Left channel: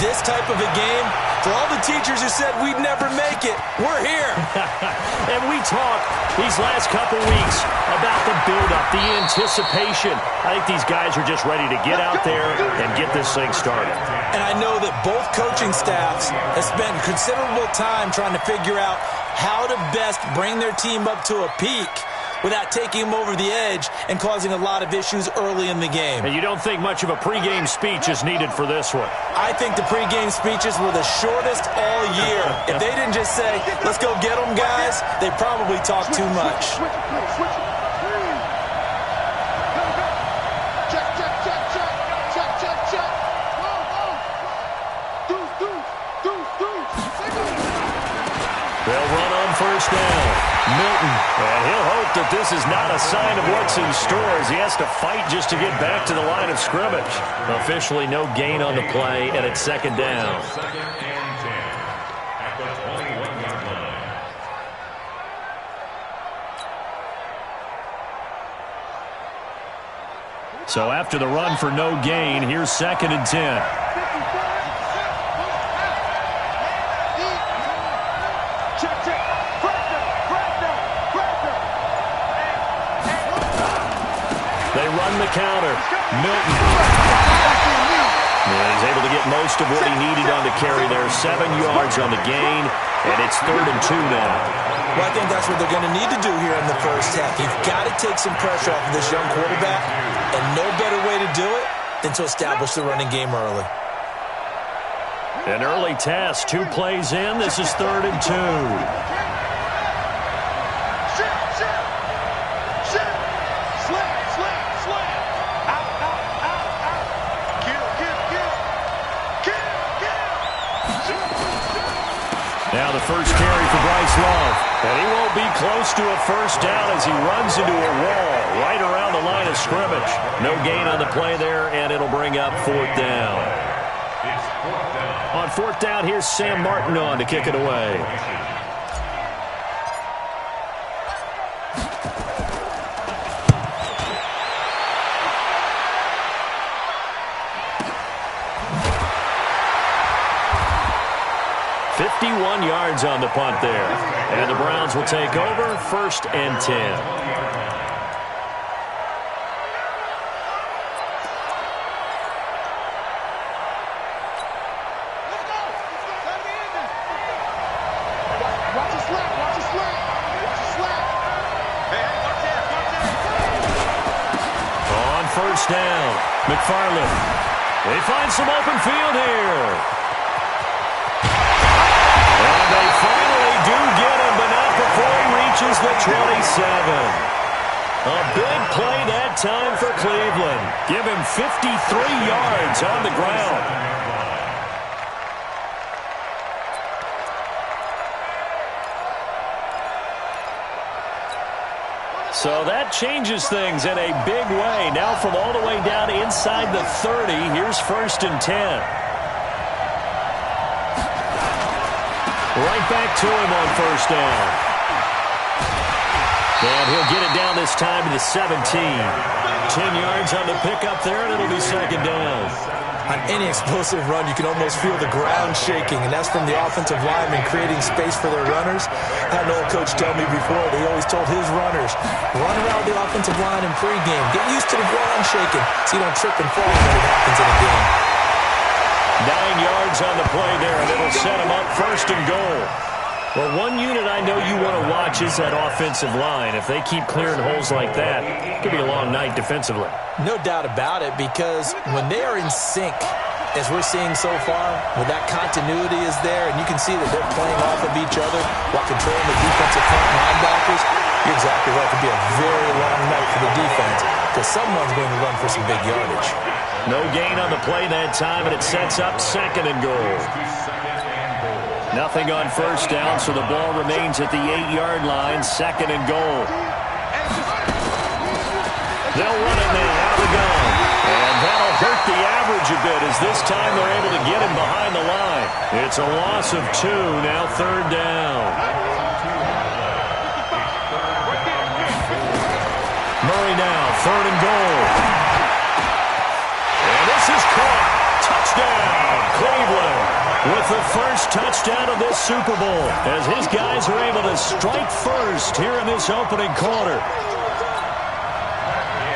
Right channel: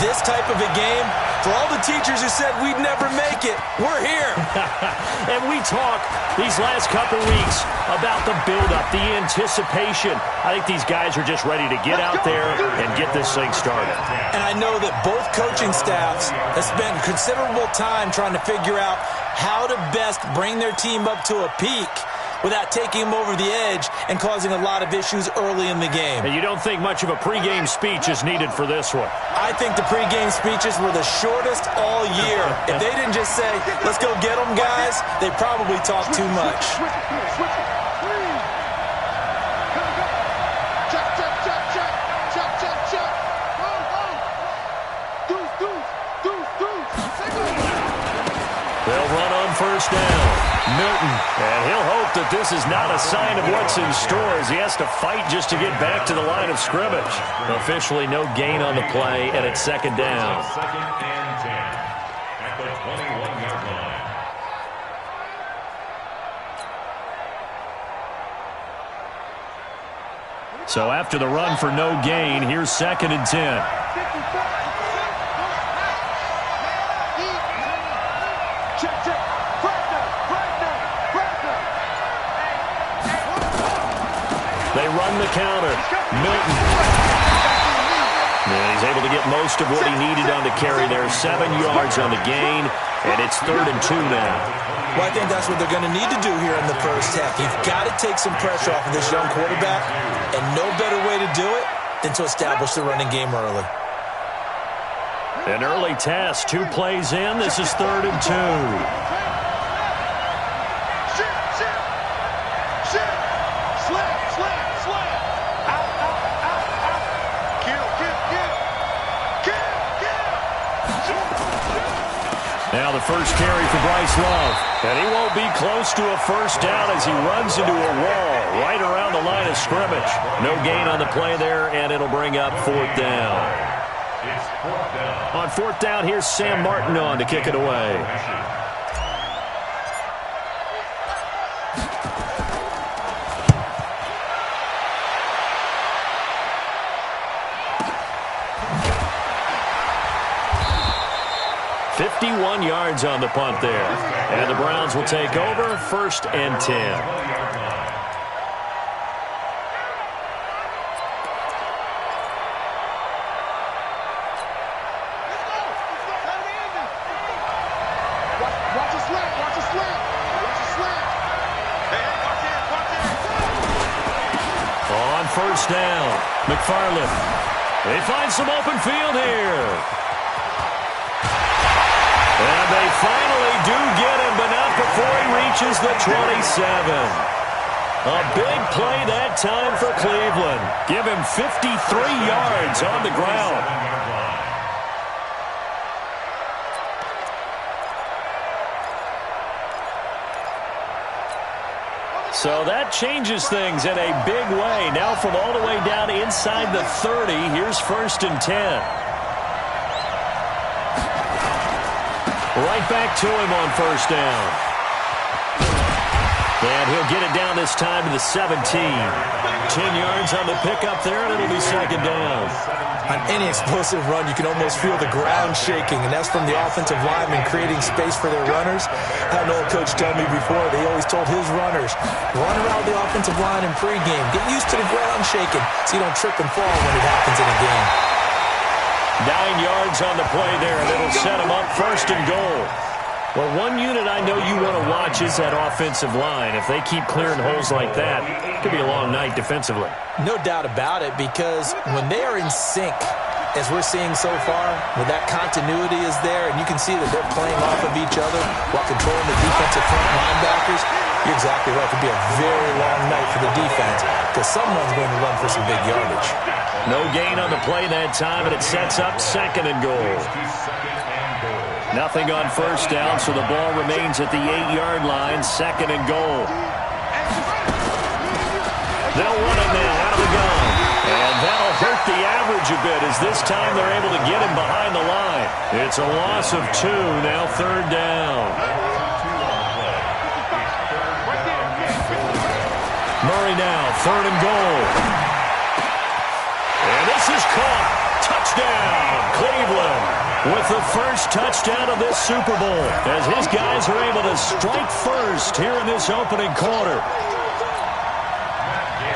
This type of a game, for all the teachers who said we'd never make it, we're here. And we talk these last couple weeks about the build-up, the anticipation. I think these guys are just ready to get out there and get this thing started. And I know that both coaching staffs have spent considerable time trying to figure out how to best bring their team up to a peak without taking them over the edge and causing a lot of issues early in the game. And you don't think much of a pregame speech is needed for this one? I think the pregame speeches were the shortest all year. If they didn't just say, let's go get them, guys, they probably talked too much. They'll run on first down. Milton, and he'll hope that this is not a sign of what's in store as he has to fight just to get back to the line of scrimmage. Officially no gain on the play, and it's second down. Second and 10 at the 21-yard line. So after the run for no gain, here's second and 10. They run the counter. Milton. And he's able to get most of what he needed on the carry there. 7 yards on the gain, and it's 3rd and 2 now. Well, I think that's what they're going to need to do here in the first half. You've got to take some pressure off of this young quarterback, and no better way to do it than to establish the running game early. An early test, 2 plays in. This is 3rd and 2. Now the first carry for Bryce Love. And he won't be close to a first down as he runs into a wall right around the line of scrimmage. No gain on the play there, and it'll bring up 4th down. It's 4th down. On 4th down, here's Sam Martin on to kick it away. .51 yards on the punt there. And the Browns will take over, 1st and 10. Watch a slap, watch a slap, watch a slap. Hey, watch it, watch it. On first down, McFarland. They find some open field here. And they finally do get him, but not before he reaches the 27. A big play that time for Cleveland. Give him 53 yards on the ground. So that changes things in a big way. Now from all the way down inside the 30, here's 1st and 10. Right back to him on first down. And he'll get it down this time to the 17. 10 yards on the pickup there, and it'll be second down. On any explosive run, you can almost feel the ground shaking, and that's from the offensive linemen creating space for their runners. I had an old coach tell me before, he always told his runners, run around the offensive line in pregame. Get used to the ground shaking so you don't trip and fall when it happens in a game. 9 yards on the play there, and it'll set him up 1st and goal. Well, one unit I know you want to watch is that offensive line. If they keep clearing holes like that, it could be a long night defensively. No doubt about it, because when they are in sync, as we're seeing so far, when that continuity is there, and you can see that they're playing off of each other while controlling the defensive front linebackers, you're exactly right. It could be a very long night for the defense because someone's going to run for some big yardage. No gain on the play that time, and it sets up 2nd and goal. Nothing on first down, so the ball remains at the 8-yard line, 2nd and goal. They'll run it now out of the gun. And that'll hurt the average a bit as this time they're able to get him behind the line. It's a loss of 2, now 3rd down. Murray now, 3rd and goal. And this is caught. Touchdown, Cleveland. with the first touchdown of this Super Bowl as his guys are able to strike first here in this opening quarter.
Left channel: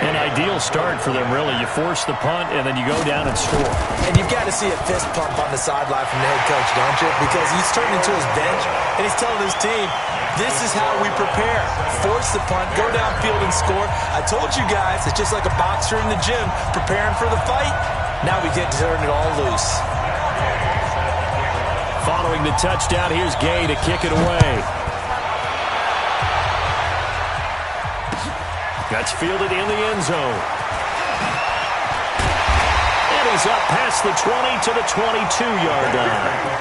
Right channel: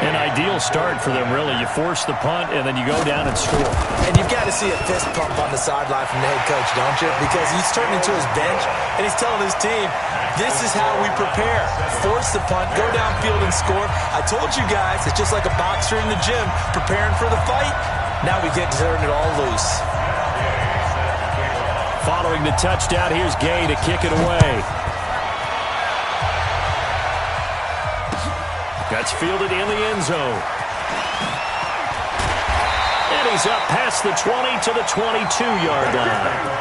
An ideal start for them, really. You force the punt, and then you go down and score. And you've got to see a fist pump on the sideline from the head coach, don't you? Because he's turning into his bench, and he's telling his team, this is how we prepare. Force the punt, go downfield and score. I told you guys, it's just like a boxer in the gym preparing for the fight. Now we get to turn it all loose. Following the touchdown, here's Gay to kick it away. That's fielded in the end zone. And he's up past the 20 to the 22-yard line.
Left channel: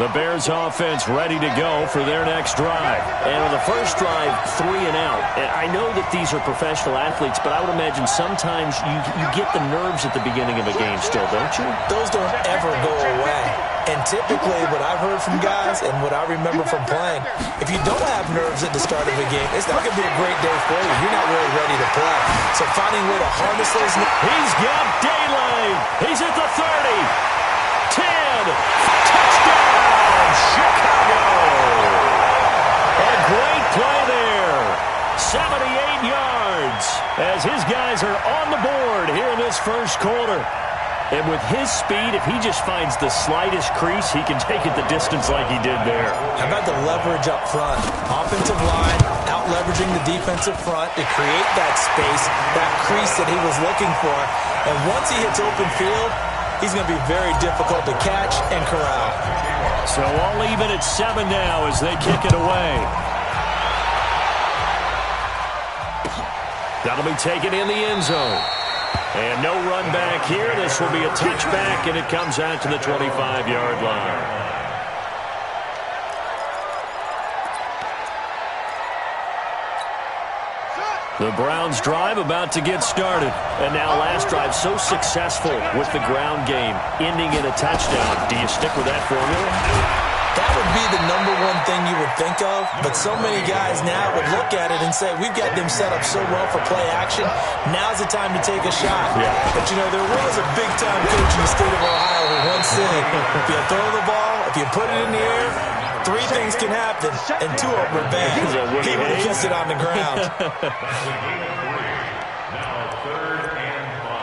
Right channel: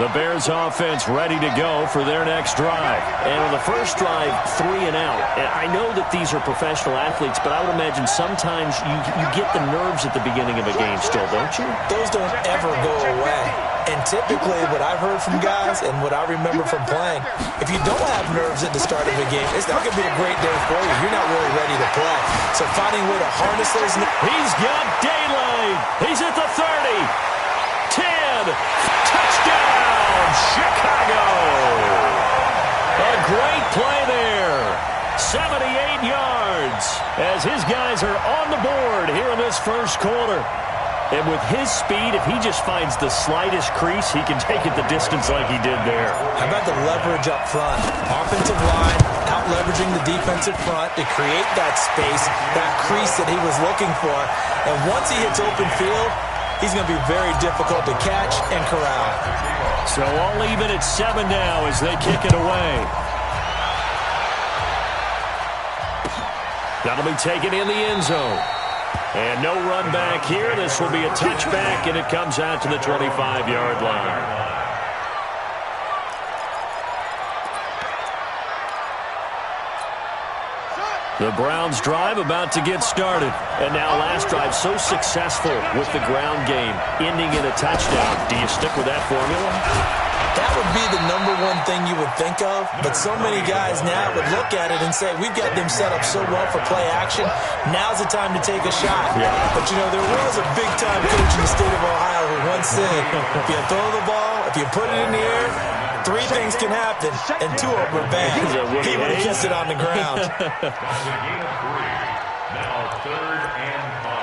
The Bears offense ready to go for their next drive. And on the first drive, 3 and out. And I know that these are professional athletes, but I would imagine sometimes you get the nerves at the beginning of a game still, don't you? Those don't ever go away. And typically what I've heard from guys and what I remember from playing, if you don't have nerves at the start of a game, it's not going to be a great day for you. You're not really ready to play. So finding a way to harness those nerves. He's got daylight. He's at the 30. 10. Touchdown. Chicago! A great play there. 78 yards as his guys are on the board here in this first quarter. And with his speed, if he just finds the slightest crease, he can take it the distance like he did there. How about the leverage up front? Offensive line out-leveraging the defensive front to create that space, that crease that he was looking for. And once he hits open field, he's going to be very difficult to catch and corral. So all even at 7 now as they kick it away. That'll be taken in the end zone. And no run back here. This will be a touchback, and it comes out to the 25-yard line. The Browns drive about to get started. And now last drive so successful with the ground game, ending in a touchdown. Do you stick with that formula? That would be the number one thing you would think of, but so many guys now would look at it and say, we've got them set up so well for play action, now's the time to take a shot. Yeah. But, you know, there was a big-time coach in the state of Ohio who once said, if you throw the ball, if you put it in the air, 3 things can happen, and 2 of them are bad. He would have kissed it on the ground. Now 3rd and 5.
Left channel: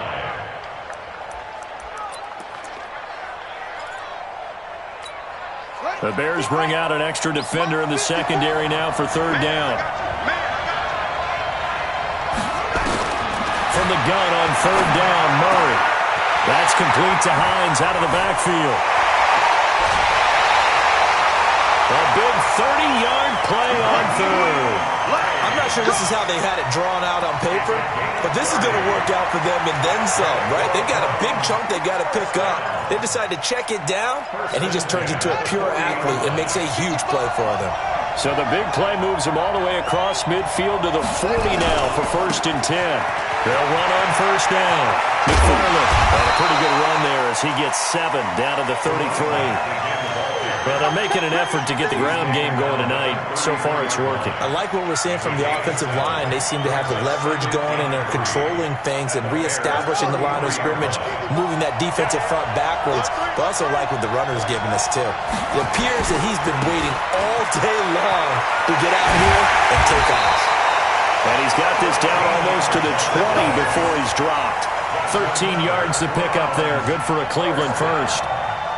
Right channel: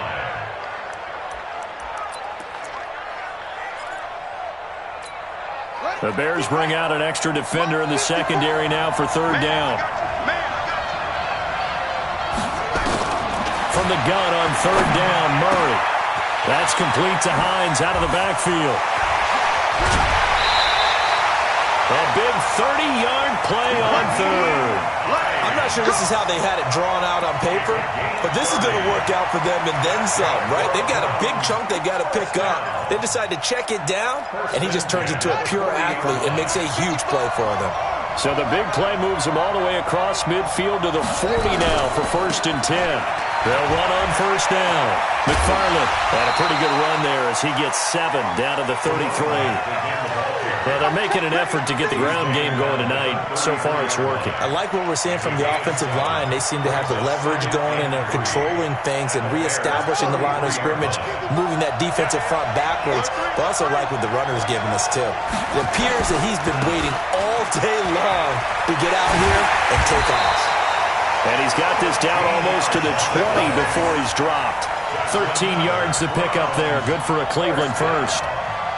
The Bears bring out an extra defender in the secondary now for 3rd down. From the gun on 3rd down, Murray. That's complete to Hines out of the backfield. A big 30-yard play on 3rd. I'm not sure this is how they had it drawn out on paper, but this is going to work out for them and then some, right? They've got a big chunk they've got to pick up. They decide to check it down, and he just turns into a pure athlete and makes a huge play for them. So the big play moves them all the way across midfield to the 40 now for 1st and 10. They'll run on 1st down. McFarland had a pretty good run there as he gets 7 down to the 33. Well, they're making an effort to get the ground game going tonight. So far, it's working. I like what we're seeing from the offensive line. They seem to have the leverage going and they're controlling things and reestablishing the line of scrimmage, moving that defensive front backwards. But also like what the runner's giving us, too. It appears that he's been waiting all day long to get out here and take off. And he's got this down almost to the 20 before he's dropped. 13 yards to pick up there. Good for a Cleveland first.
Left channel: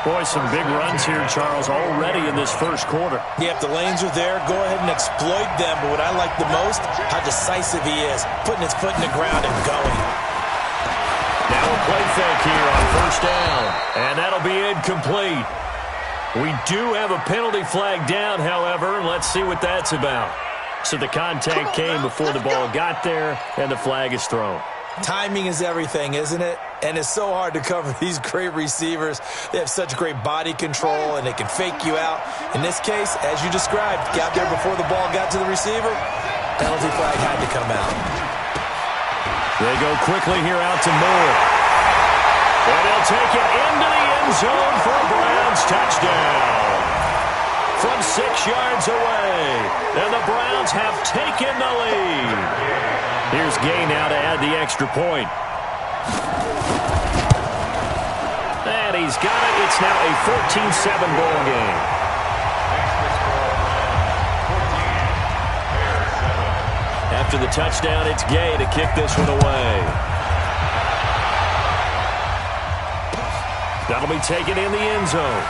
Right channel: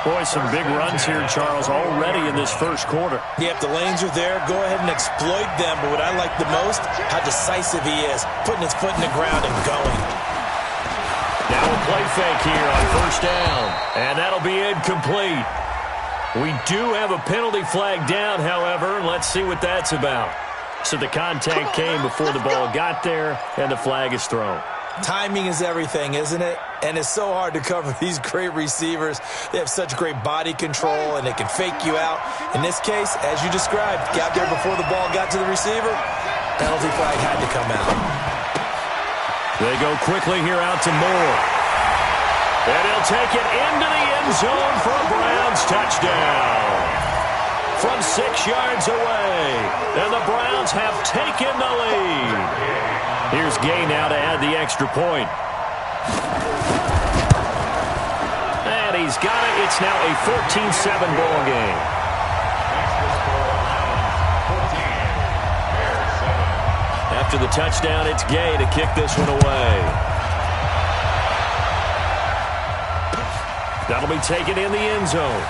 Boy, some big runs here, Charles, already in this first quarter. Yeah, if the lanes are there, go ahead and exploit them. But what I like the most, how decisive he is, putting his foot in the ground and going. Now a play fake here on 1st down, and that'll be incomplete. We do have a penalty flag down, however, and let's see what that's about. So the contact came before the ball got there, and the flag is thrown. Timing is everything, isn't it? And it's so hard to cover these great receivers. They have such great body control, and they can fake you out. In this case, as you described, got there before the ball got to the receiver. Penalty flag had to come out. They go quickly here out to Moore. And he'll take it into the end zone for a Browns touchdown. From from 6 yards away. And the Browns have taken the lead. Here's Gay now to add the extra point. And he's got it. It's now a 14-7 ball game. After the touchdown, it's Gay to kick this one away. That'll be taken in the end zone.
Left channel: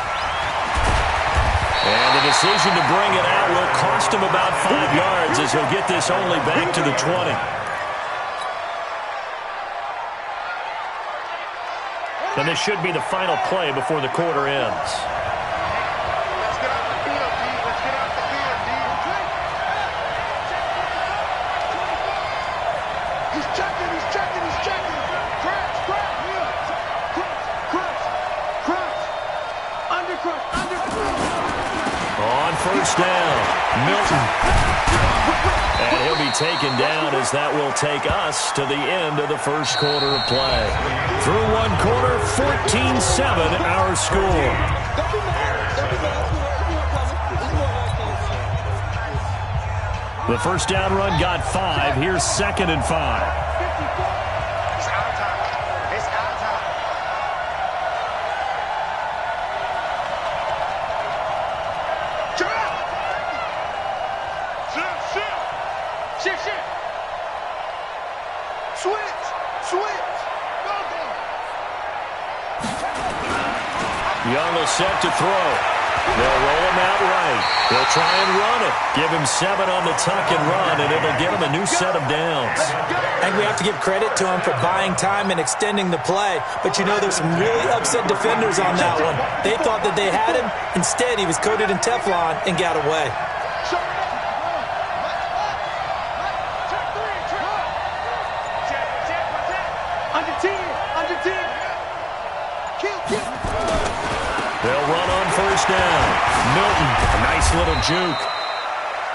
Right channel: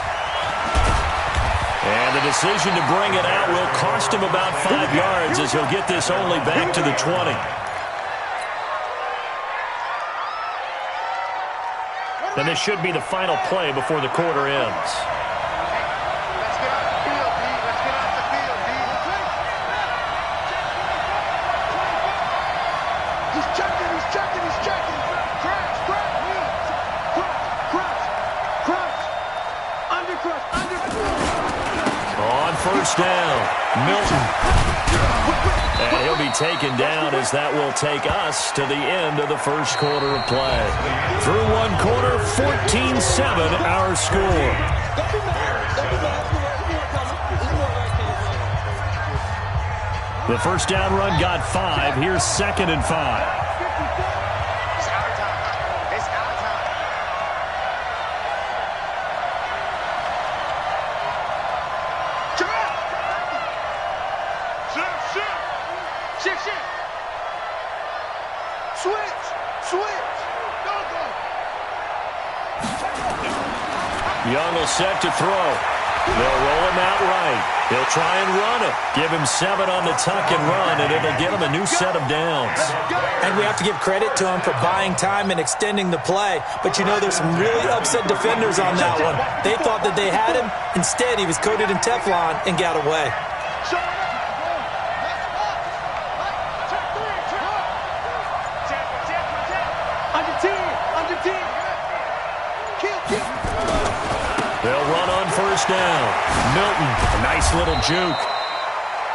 And the decision to bring it out will cost him about 5 yards as he'll get this only back to the 20. And this should be the final play before the quarter ends. Let's get off the field, D. Let's get off the field, D. He's checking, he's checking, he's checking. Crunch, crunch, crunch, crunch. Under crunch, under crunch. On first down, Milton. And he'll be taken down as that will take us to the end of the first quarter of play. Through one quarter, 14-7 our score. Don't be mad. Don't be mad. There's more coming. There's more coming. The first down run got 5. Here's 2nd and 5. It's our time. It's our time. Shift. Switch. Go. Young will set to throw. They'll roll him out right. He'll try and run it. Give him 7 on the tuck and run, and it'll get him a new set of downs. And we have to give credit to him for buying time and extending the play. But you know, there's some really upset defenders on that one. They thought that they had him. Instead, he was coated in Teflon and got away. Under 10. Kill. They'll run on first down. Milton, a nice little juke.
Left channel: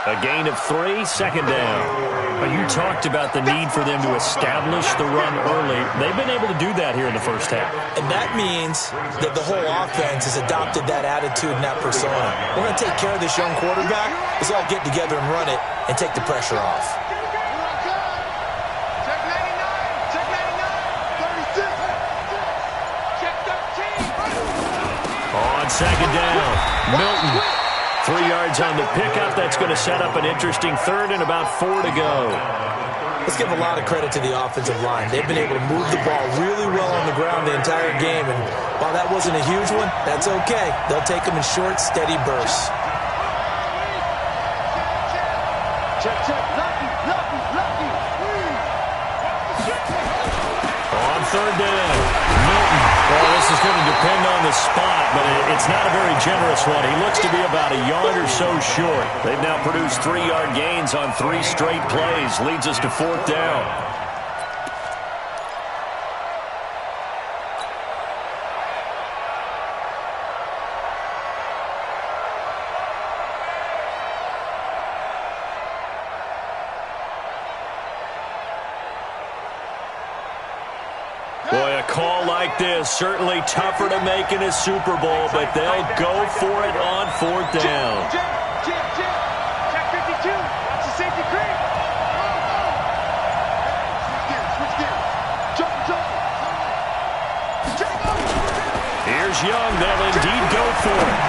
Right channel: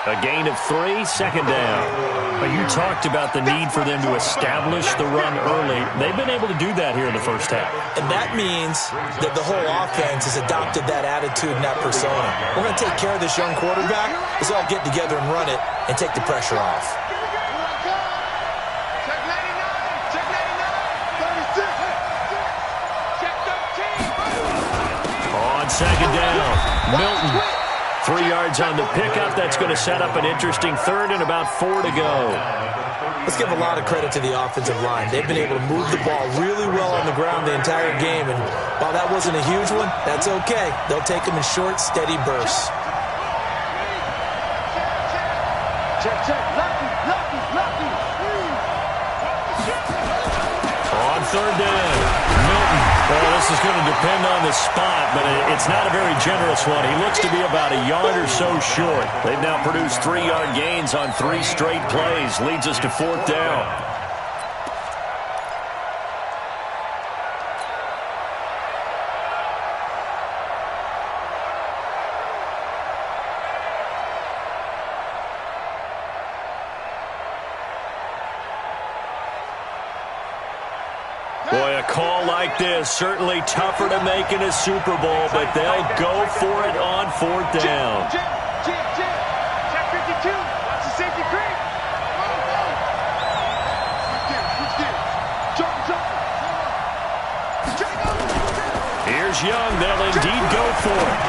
A gain of 3, 2nd down. You talked about the need for them to establish the run early. They've been able to do that here in the first half. And that means that the whole offense has adopted that attitude and that persona. We're going to take care of this young quarterback. Let's all get together and run it and take the pressure off. Check 99. Check 99. 36. Check 13. On 2nd down, Milton. 3 yards on the pickup. That's going to set up an interesting 3rd and about 4 to go. Let's give a lot of credit to the offensive line. They've been able to move the ball really well on the ground the entire game. And while that wasn't a huge one, that's okay. They'll take them in short, steady bursts. Check. Lucky. On 3rd down, Milton. Well, this is going to depend on the spot, but it's not a very generous one. He looks to be about a yard or so short. They've now produced 3-yard gains on 3 straight plays. Leads us to 4th down. Boy, a call like this, certainly tougher to make in a Super Bowl, but they'll go for it on 4th down. Jim. Check 52. Watch the safety creep. Go. Switch gears. Jump. Here's Young. They'll indeed go for it.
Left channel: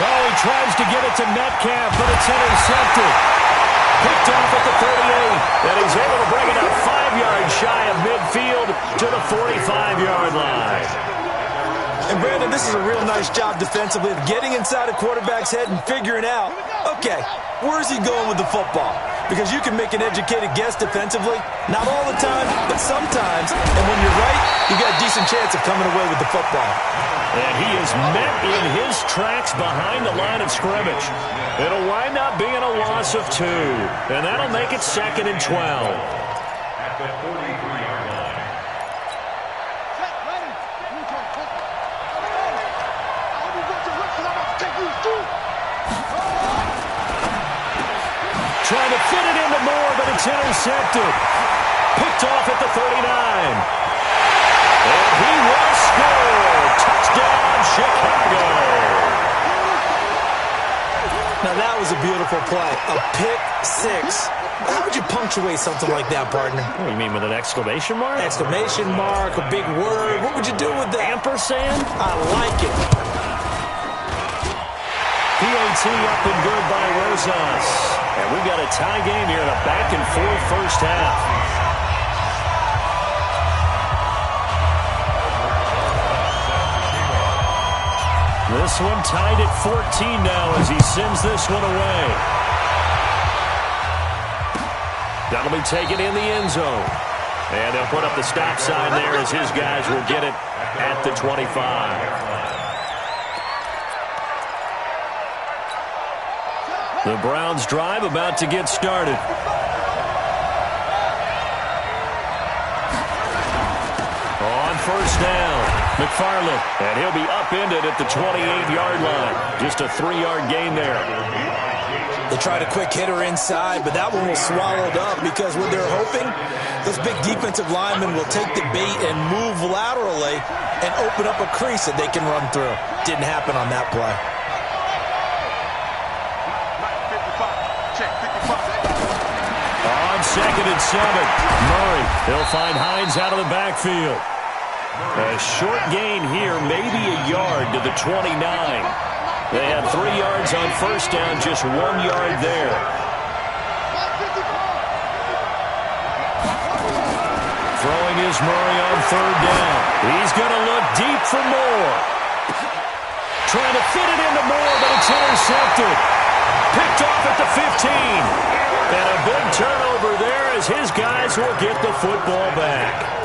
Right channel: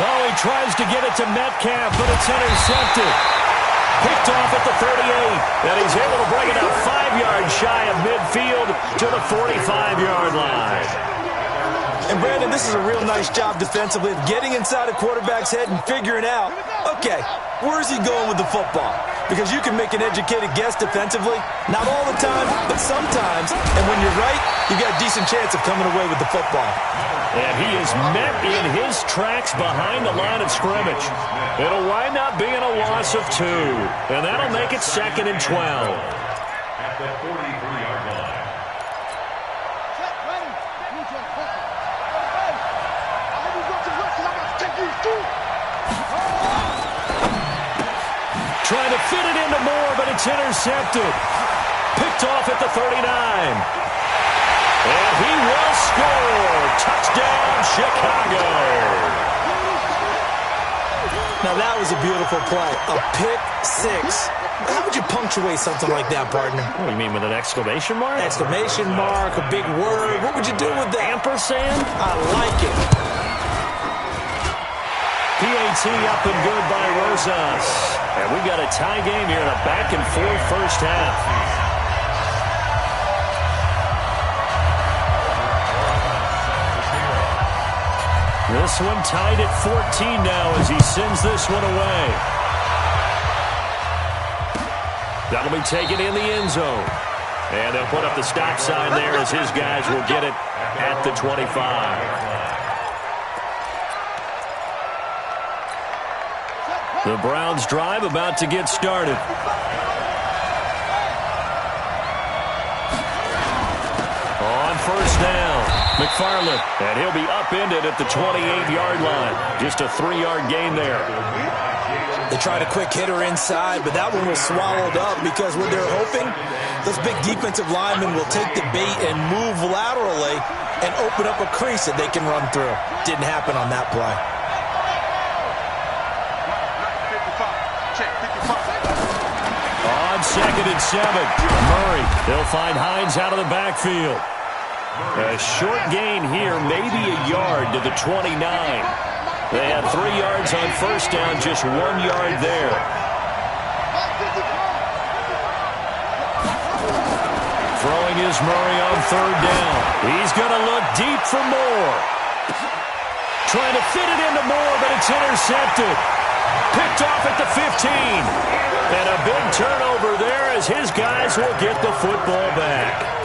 Oh, he tries to get it to Metcalf, but it's intercepted. Picked off at the 38, and he's able to bring it up 5 yards shy of midfield to the 45-yard line. And, Brandon, this is a real nice job defensively of getting inside a quarterback's head and figuring out, okay, where's he going with the football? Because you can make an educated guess defensively, not all the time, but sometimes. And when you're right, you got a decent chance of coming away with the football. And he is met in his tracks behind the line of scrimmage. It'll wind up being a loss of 2, and that'll make it 2nd and 12. At the 43-yard line. Set, ready. Neutral, focus. I hope you brought your left because I'm about to take you through. Trying to fit it into Moore, but it's intercepted. Picked off at the 39. And he will score. Touchdown, Chicago. Now that was a beautiful play. A pick six. How would you punctuate something like that, partner? What do you mean, with an exclamation mark? Exclamation mark, a big word. What would you do with that? Ampersand? I like it. PAT up and good by Rosas. And we've got a tie game here in a back-and-forth first half. This one tied at 14 now as he sends this one away. That'll be taken in the end zone. And they'll put up the stop sign there as his guys will get it at the 25. The Browns drive about to get started. On first down, McFarland, and he'll be upended at the 28-yard line. Just a 3-yard gain there. They tried a quick hitter inside, but that one was swallowed up because what they're hoping, those big defensive linemen will take the bait and move laterally and open up a crease that they can run through. Didn't happen on that play. On 2nd and 7, Murray. He'll find Hines out of the backfield. A short gain here, maybe a yard to the 29. They had 3 yards on first down, just 1 yard there. Throwing is Murray on 3rd down. He's going to look deep for Moore. Trying to fit it into Moore, but it's intercepted. Picked off at the 15. And a big turnover there as his guys will get the football back.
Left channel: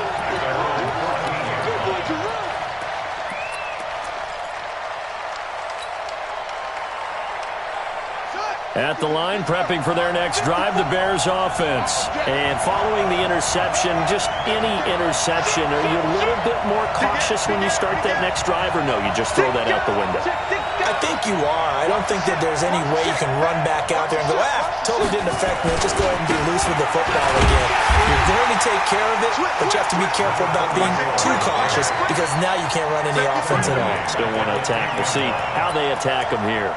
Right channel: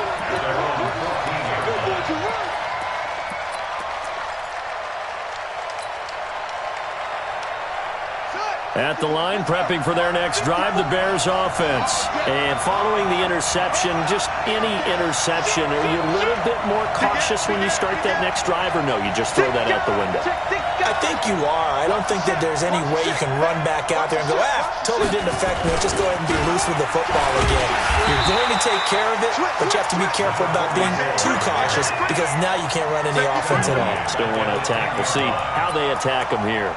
At the line, prepping for their next drive, the Bears offense. And following the interception, just any interception, are you a little bit more cautious when you start that next drive, or no, you just throw that out the window? I think you are. I don't think that there's any way you can run back out there and go, totally didn't affect me. Just go ahead and be loose with the football again. You're going to take care of it, but you have to be careful about being too cautious because now you can't run any offense at all. Still want to attack. We'll see how they attack them here.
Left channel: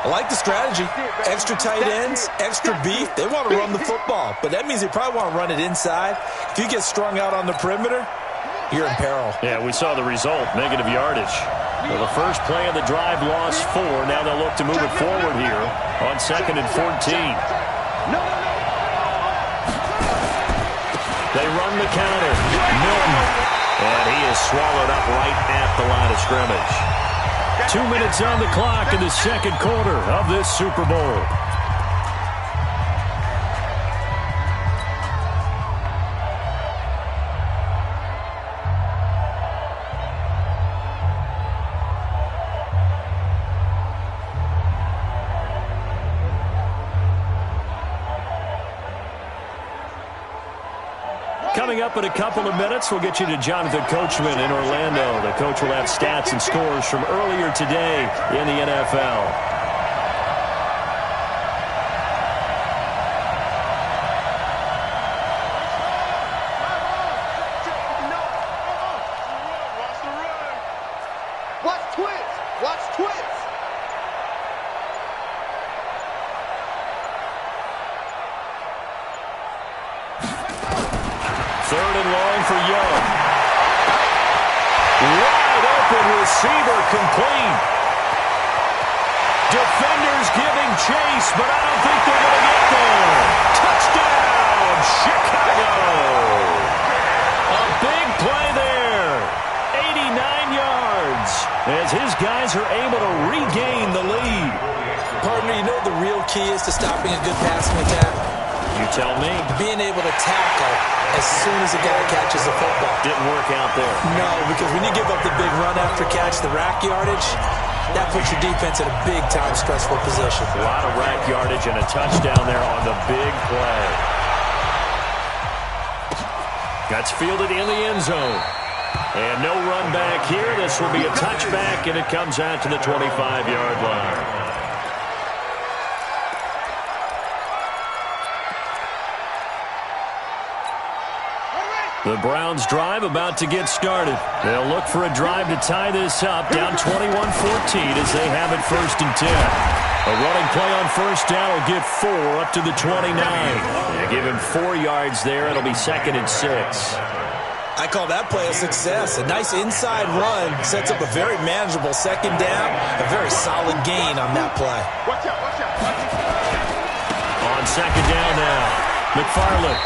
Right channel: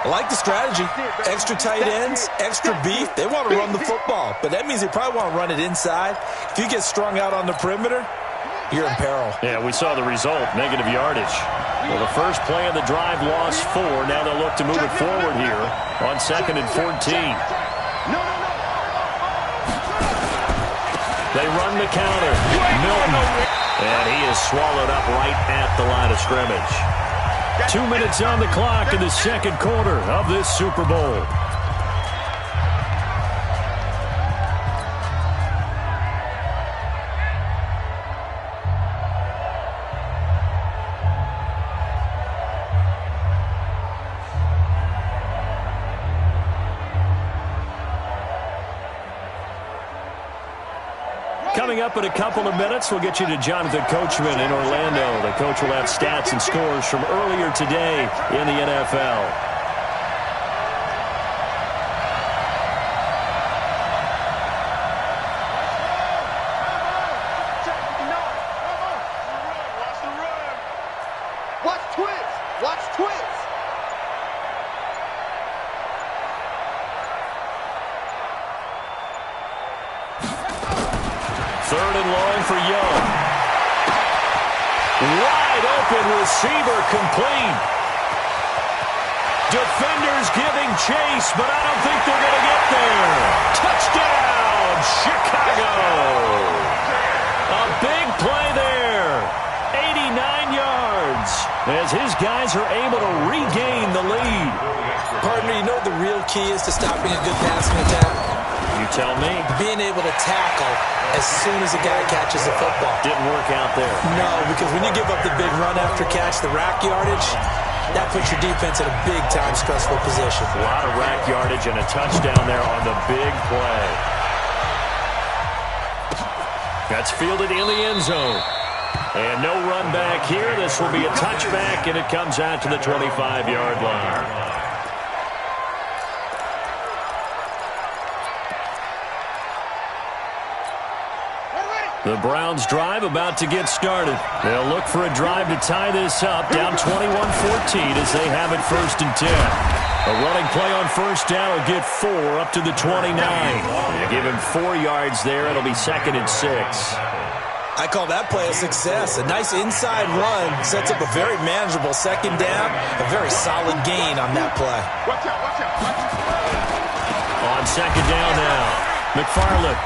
I like the strategy. Extra tight ends, extra beef. They want to run the football, but that means they probably want to run it inside. If you get strung out on the perimeter, you're in peril. Yeah, we saw the result, negative yardage. Well, the first play of the drive lost 4. Now they'll look to move it forward here on 2nd and 14. They run the counter. Milton. And he is swallowed up right at the line of scrimmage. 2 minutes on the clock in the second quarter of this Super Bowl. Coming up in a couple of minutes, we'll get you to Jonathan Coachman in Orlando. The coach will have stats and scores from earlier today in the NFL. Watch twins. Watch twins. Third and long for Young. Wide open receiver complete. Defenders giving chase, but I don't think they're going to get there. Touchdown, Chicago. A big play there. 89 yards as his guys are able to regain the lead. Partner, you know what the real key is to stopping a good passing attack? You tell me. Being able to tackle as soon as a guy catches the football. Didn't work out there. No, because when you give up the big run after catch, the rack yardage, that puts your defense in a big-time stressful position. A lot of rack yardage and a touchdown there on the big play. That's fielded in the end zone. And no run back here. This will be a touchback, and it comes out to the 25-yard line. The Browns drive about to get started. They'll look for a drive to tie this up, down 21-14 as they have it 1st and 10. A running play on first down will get 4 up to the 29. They give him 4 yards there. It'll be 2nd and 6. I call that play a success. A nice inside run sets up a very manageable 2nd down. A very solid gain on that play. Watch out, watch out, watch out. On 2nd down now, McFarland.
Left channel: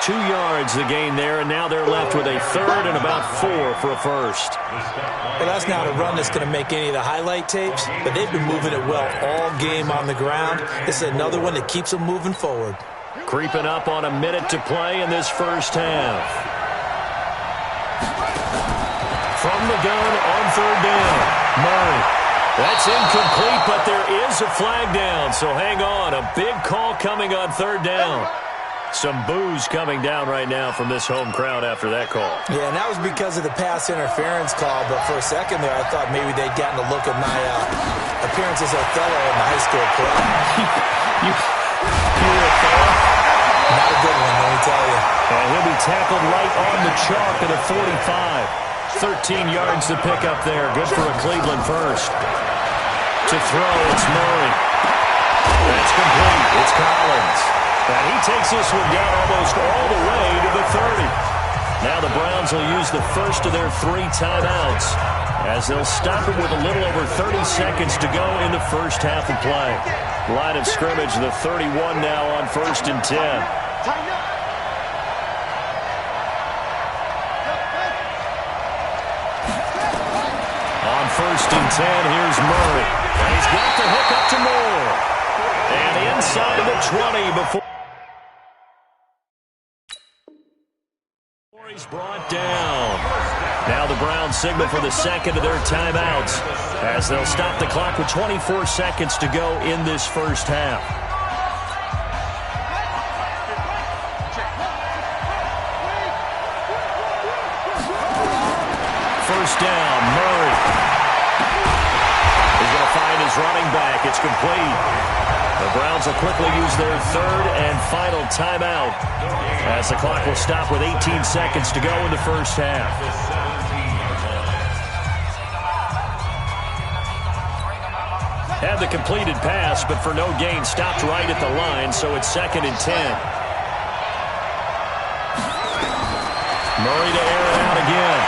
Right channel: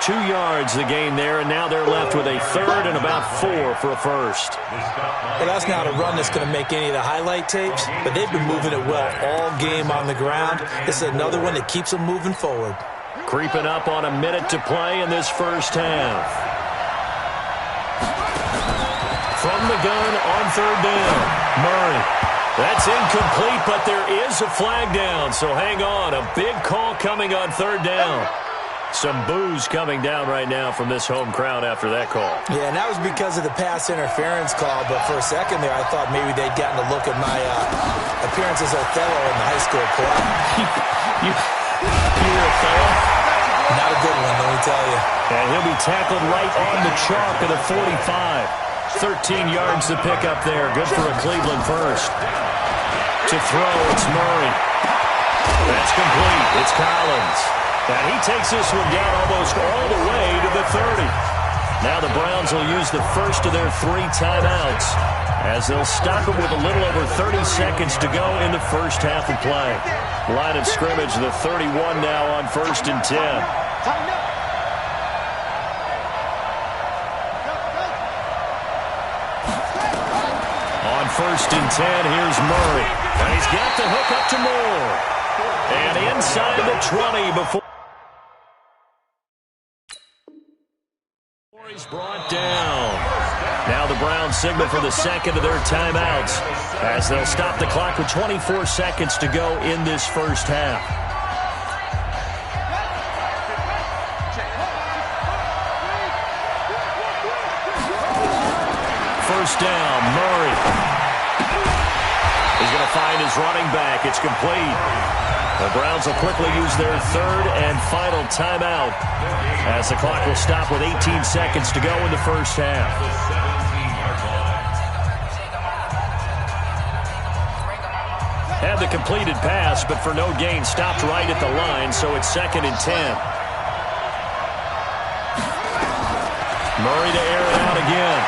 2 yards the gain there, and now they're left with a 3rd and about 4 for a first. Well, that's not a run that's going to make any of the highlight tapes, but they've been moving it well all game on the ground. This is another one that keeps them moving forward. Creeping up on a minute to play in this first half. From the gun on 3rd down, Murray. That's incomplete, but there is a flag down, so hang on. A big call coming on 3rd down. Some boos coming down right now from this home crowd after that call. Yeah, and that was because of the pass interference call, but for a second there I thought maybe they'd gotten a look at my appearance as Othello in the high school play. you were Othello? Not a good one, let me tell you. And he'll be tackled right on the chalk at the 45. 13 yards to pick up there. Good for a Cleveland first. To throw, it's Murray. That's complete. It's Collins. And he takes this one down almost all the way to the 30. Now the Browns will use the first of their 3 timeouts as they'll stop it with a little over 30 seconds to go in the first half of play. Line of scrimmage, the 31 now on 1st and 10. Tighten up. On 1st and 10, here's Murray. And he's got the hook up to Moore. And inside the 20 before he's brought down. Now the Browns signal for the 2nd of their timeouts as they'll stop the clock with 24 seconds to go in this first half. First down, Murray. He's going to find his running back. It's complete. The Browns will quickly use their 3rd and final timeout as the clock will stop with 18 seconds to go in the first half. Had the completed pass, but for no gain, stopped right at the line, so it's 2nd and 10. Murray to air it out again.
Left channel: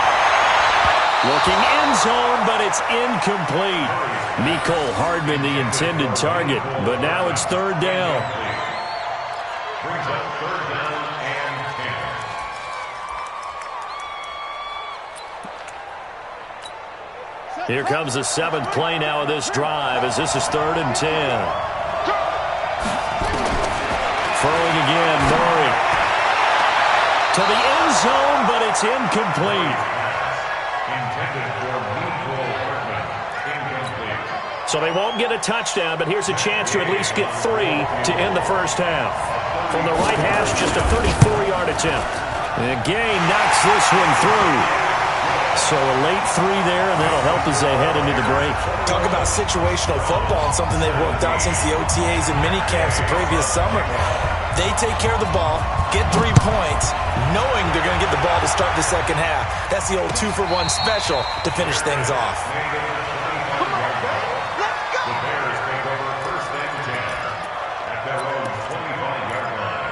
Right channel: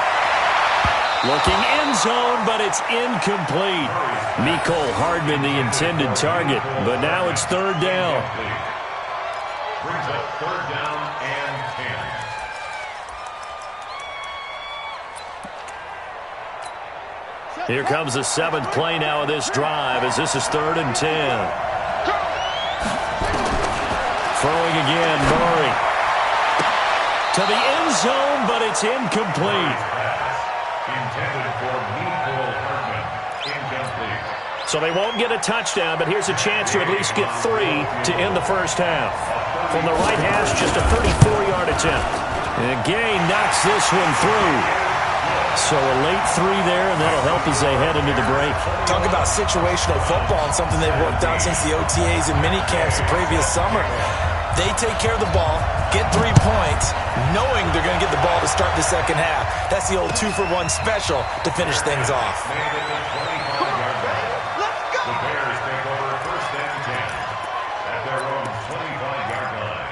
Looking end zone, but it's incomplete. Mecole Hardman, the intended target, but now it's 3rd down. Brings up 3rd down and 10. Here comes the 7th play now of this drive as this is 3rd and 10. Throwing again, Murray. To the end zone, but it's incomplete. Intended for Mecole Hardman. Incomplete. So they won't get a touchdown, but here's a chance to at least get 3 to end the first half. From the right hash, just a 34-yard attempt. And Gay knocks this one through. So a late 3 there, and that'll help as they head into the break. Talk about situational football and something they've worked out since the OTAs and minicamps the previous summer. They take care of the ball, get 3 points, knowing they're going to get the ball to start the second half. That's the old 2-for-1 special to finish things off. The Bears take over 1st and 10 at their own 25-yard line.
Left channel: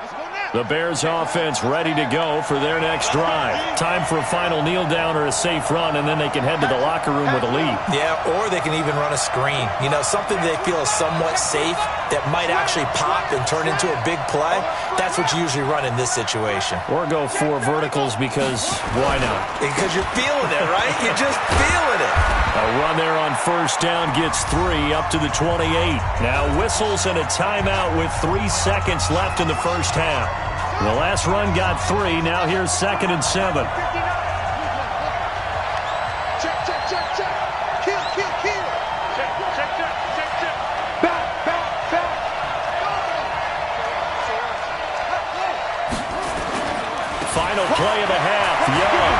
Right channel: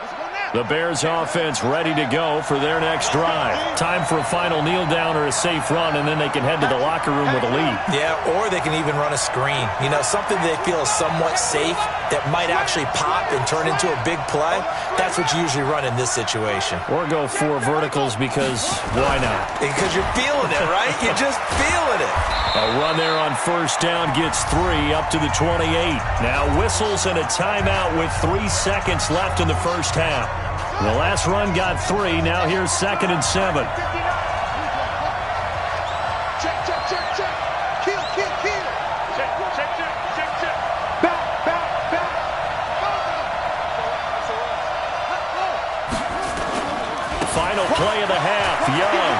Let's go now. The Bears offense ready to go for their next drive. Time for a final kneel down or a safe run, and then they can head to the locker room with a lead. Yeah, or they can even run a screen. You know, something they feel is somewhat safe that might actually pop and turn into a big play. That's what you usually run in this situation. Or go 4 verticals because why not? Because you're feeling it, right? You're just feeling it. A run there on first down gets 3 up to the 28. Now whistles and a timeout with 3 seconds left in the first half. The last run got 3. Now here's 2nd and 7. Check, check, check, check. Kill, kill, kill. Check, check, check, check, check. Back, back, back. Final play of the half, Young.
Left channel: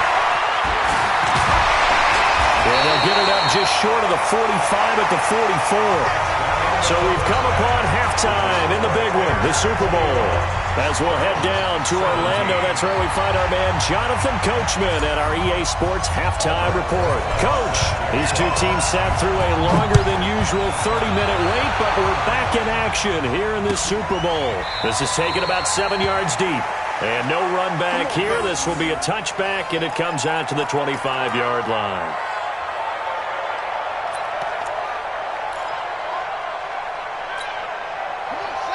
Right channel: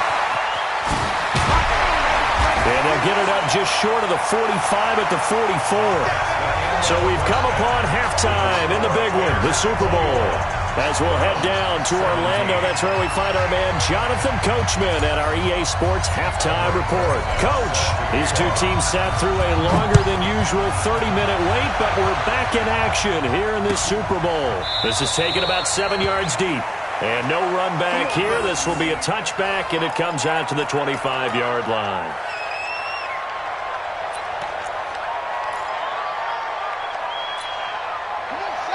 And they'll get it up just short of the 45 at the 44. So we've come upon halftime in the big one, the Super Bowl. As we'll head down to Orlando, that's where we find our man Jonathan Coachman at our EA Sports Halftime Report. Coach, these two teams sat through a longer than usual 30-minute wait, but we're back in action here in this Super Bowl. This is taken about 7 yards deep. And no run back here. This will be a touchback, and it comes out to the 25-yard line.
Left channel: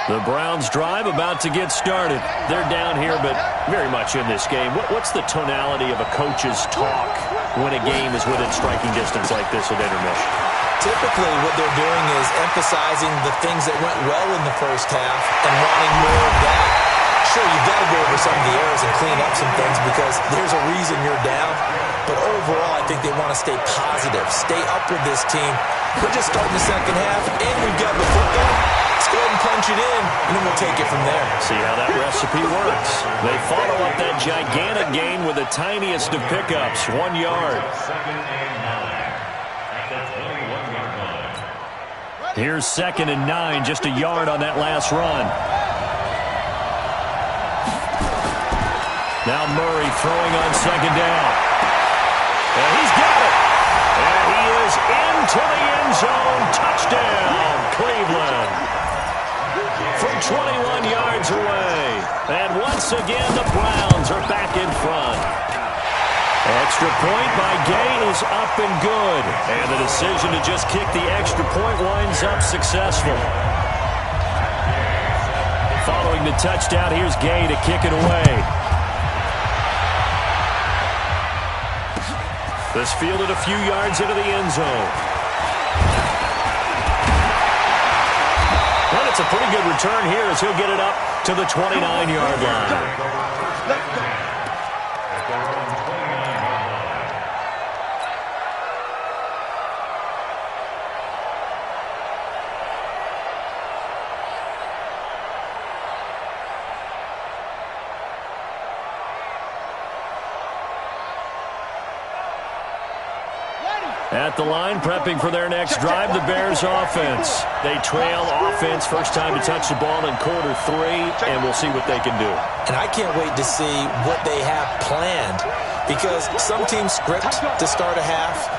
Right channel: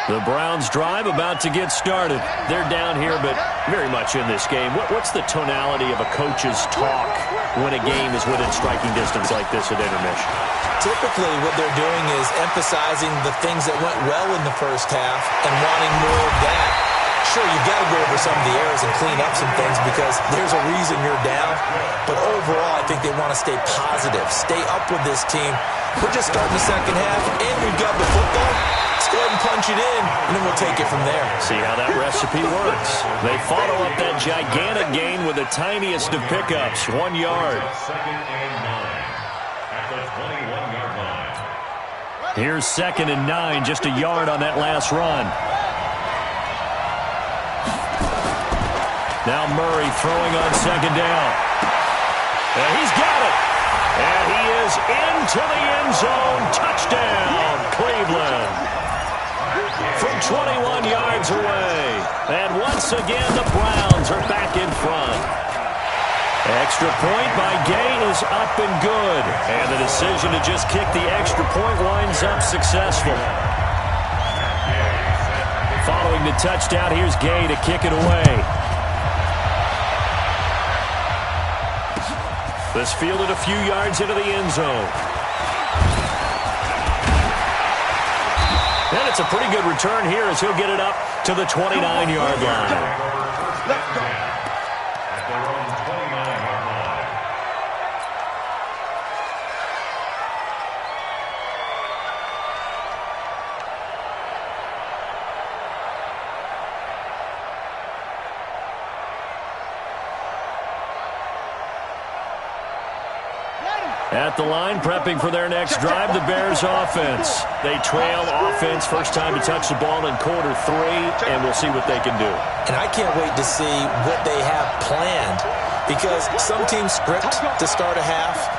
The Browns drive about to get started. They're down here, but very much in this game. What's the tonality of a coach's talk when a game is within striking distance like this at intermission? Typically, what they're doing is emphasizing the things that went well in the first half and wanting more of that. Sure, you've got to go over some of the errors and clean up some things because there's a reason you're down. But overall, I think they want to stay positive, stay up with this team. We're just starting the second half, and we've got the football. Let's go ahead and punch it in, and then we'll take it from there. See how that recipe works. They follow up that gigantic gain with the tiniest of pickups, 1 yard. Second and 9 at the 21-yard line. Here's 2nd and 9, just a yard on that last run. Now Murray throwing on 2nd down. And he's got it. And he is into the end zone. Touchdown, Cleveland. From 21 yards away. And once again, the Browns are back in front. Extra point by Gay is up and good. And the decision to just kick the extra point winds up successful. Following the touchdown, here's Gay to kick it away. This fielded a few yards into the end zone. And it's a pretty good return here as he'll get it up to the 29-yard line. Let's go. At their own 29-yard line. At the line, prepping for their next drive, the Bears offense. They trail offense, first time to touch the ball in quarter 3, and we'll see what they can do. And I can't wait to see what they have planned because some teams script to start a half.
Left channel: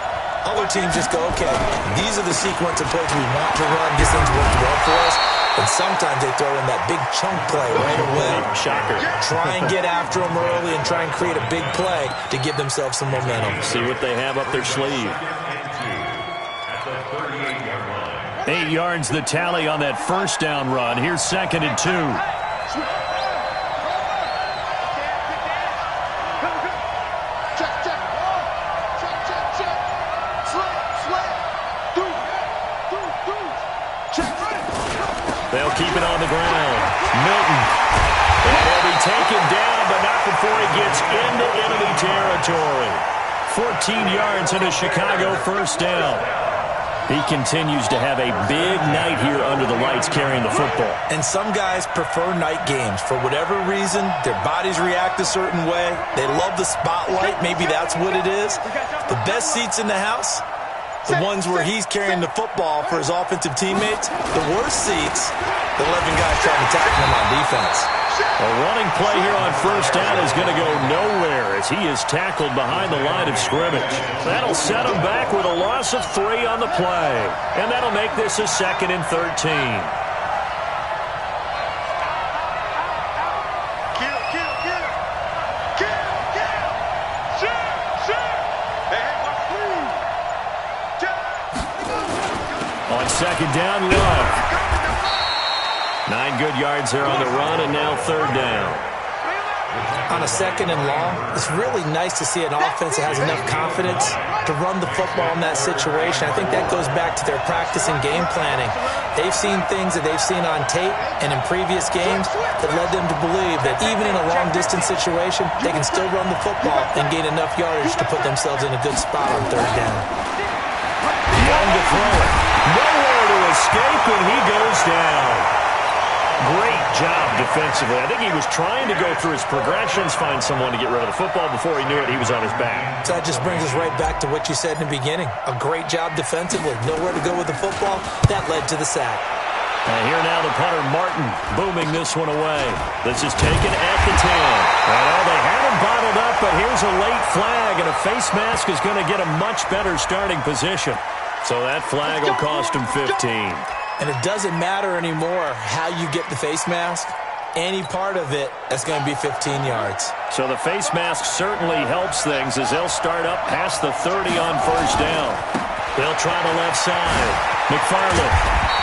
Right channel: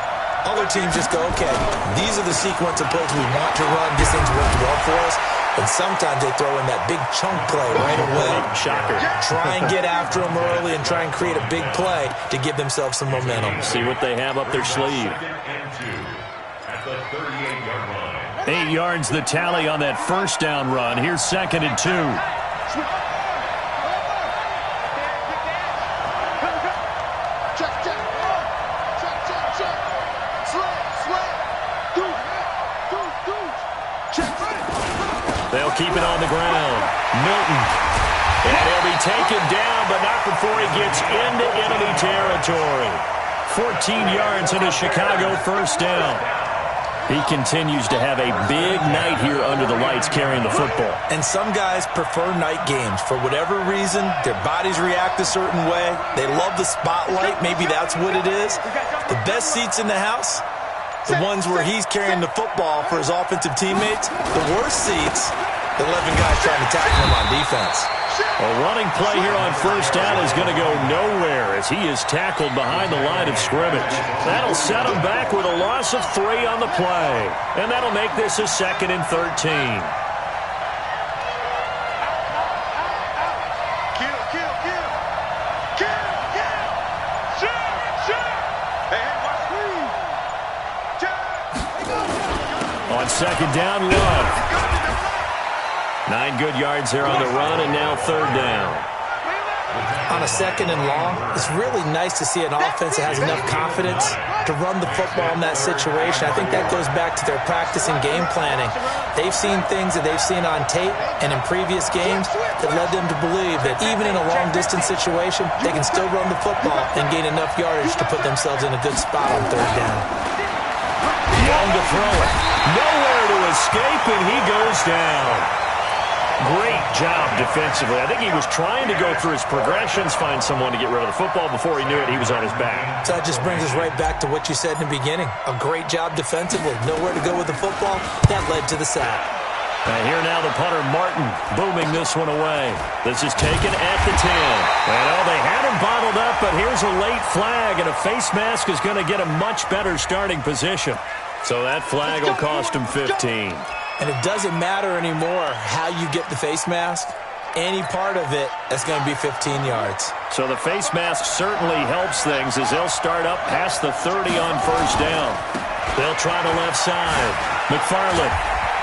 Other teams just go, okay, these are the sequence of plays we want to run. This thing's worked well for us. And sometimes they throw in that big chunk play right away. Shocker. Try and get after them early and try and create a big play to give themselves some momentum. See what they have up their sleeve. 2nd and 2 at the 38-yard line. 8 yards the tally on that first down run. Here's 2nd and 2. Check, check. Check, check, check. Slam. Dude. Check. They'll keep it on the ground. Milton. And he'll be taken down, but not before he gets into enemy territory. 14 yards and a Chicago first down. He continues to have a big night here under the lights carrying the football. And some guys prefer night games. For whatever reason, their bodies react a certain way. They love the spotlight. Maybe that's what it is. The best seats in the house, the ones where he's carrying the football for his offensive teammates. The worst seats, the 11 guys trying to tackle him on defense. A running play here on first down is going to go nowhere as he is tackled behind the line of scrimmage. That'll set him back with a loss of 3 on the play. And that'll make this a 2nd and 13. On 2nd down, Love. 9 good yards there on the run, and now 3rd down. On a 2nd and long, it's really nice to see an offense that has enough confidence to run the football in that situation. I think that goes back to their practice and game planning. They've seen things that they've seen on tape and in previous games that led them to believe that even in a long-distance situation, they can still run the football and gain enough yardage to put themselves in a good spot on 3rd down. Young to throw it. Nowhere to escape, and he goes down. Great job defensively. I think he was trying to go through his progressions, find someone to get rid of the football. Before he knew it, he was on his back. So that just brings us right back to what you said in the beginning. A great job defensively. Nowhere to go with the football. That led to the sack. And here now the punter, Martin, booming this one away. This is taken at the 10. And they had him bottled up, but here's a late flag, and a face mask is going to get a much better starting position. So that flag will cost him 15. And it doesn't matter anymore how you get the face mask. Any part of it, that's going to be 15 yards. So the face mask certainly helps things as they'll start up past the 30 on first down. They'll try the left side. McFarland.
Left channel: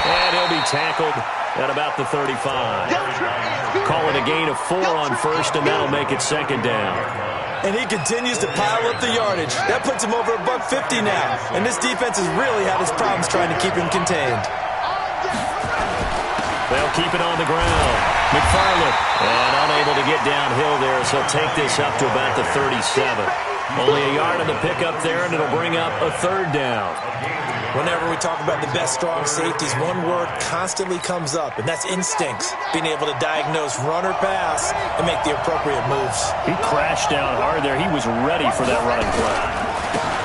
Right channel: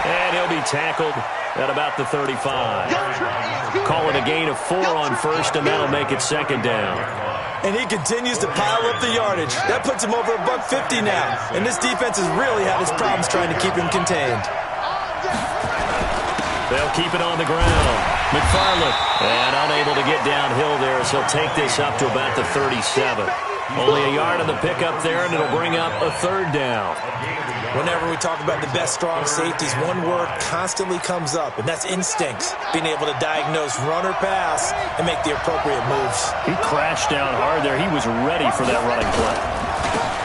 And he'll be tackled at about the 35. Call it a gain of 4 on first, and that'll make it second down. And he continues to pile up the yardage. That puts him over $150 now. And this defense has really had its problems trying to keep him contained. They'll keep it on the ground. McFarland, and unable to get downhill there, so he'll take this up to about the 37. Only a yard on the pickup there, and it'll bring up a third down. Whenever we talk about the best strong safeties, one word constantly comes up, and that's instincts. Being able to diagnose run or pass and make the appropriate moves. He crashed down hard there. He was ready for that running play.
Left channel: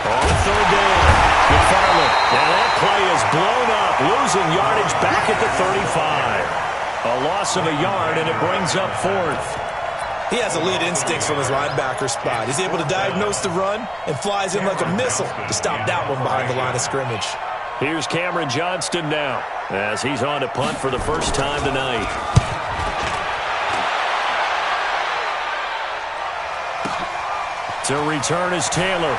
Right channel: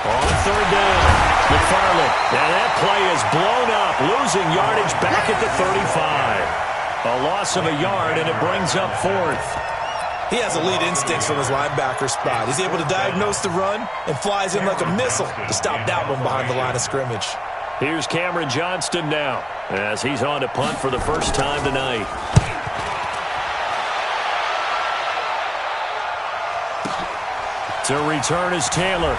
On third down, McFarland. And that play is blown up, losing yardage back at the 35. A loss of a yard, and it brings up fourth. He has elite instincts from his linebacker spot. He's able to diagnose the run and flies in like a missile to stop that one behind the line of scrimmage. Here's Cameron Johnston now as he's on to punt for the first time tonight. To return is Taylor.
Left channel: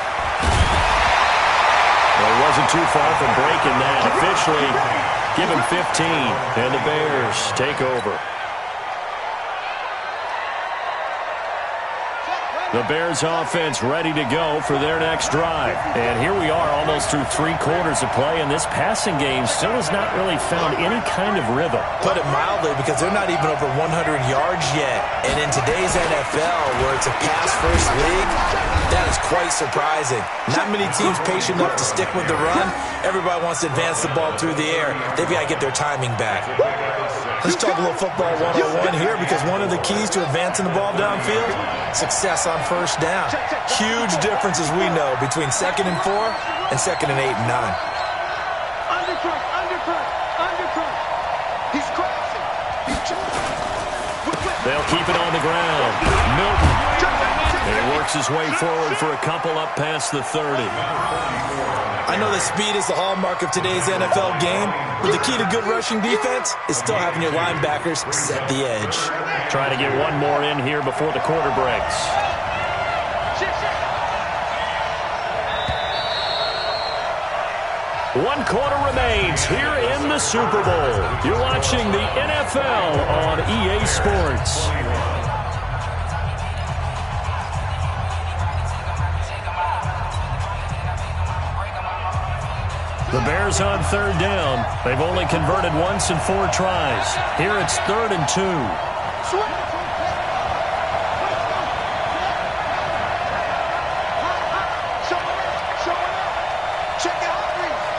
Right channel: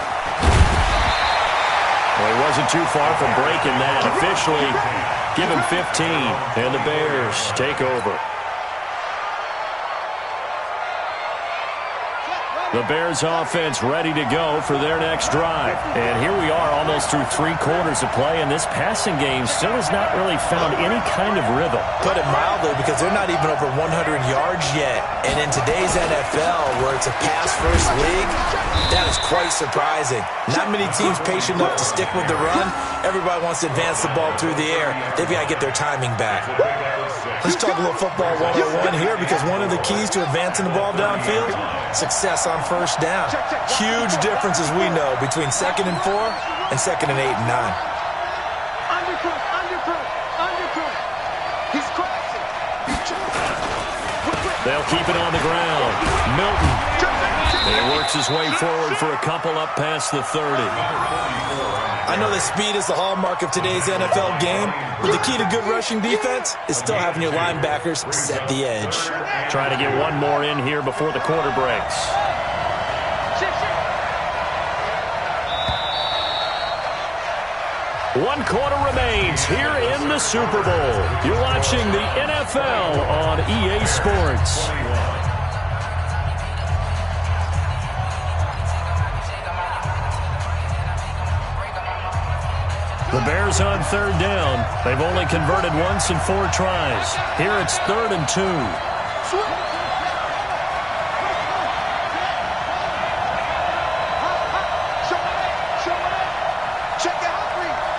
Well, he wasn't too far from breaking that. Officially, give him 15, and the Bears take over. The Bears offense ready to go for their next drive. And here we are almost through 3 quarters of play, and this passing game still has not really found any kind of rhythm. Put it mildly, because they're not even over 100 yards yet. And in today's NFL, where it's a pass-first league, that is quite surprising. Not many teams patient enough to stick with the run. Everybody wants to advance the ball through the air. They've got to get their timing back. Let's talk a little football 101 here, because one of the keys to advancing the ball downfield, success on first down. Huge difference, as we know, between 2nd and 4 and 2nd and 8 and 9. Undercut, undercut, undercut. He's crashing. They'll keep it on the ground. Milton. He works his way forward for a couple up past the 30. I know that speed is the hallmark of today's NFL game, but the key to good rushing defense is still having your linebackers set the edge. Trying to get one more in here before the quarter breaks. One quarter remains here in the Super Bowl. You're watching the NFL on EA Sports. The Bears on third down. They've only converted once in 4 tries. Here it's 3rd and 2. Check it out,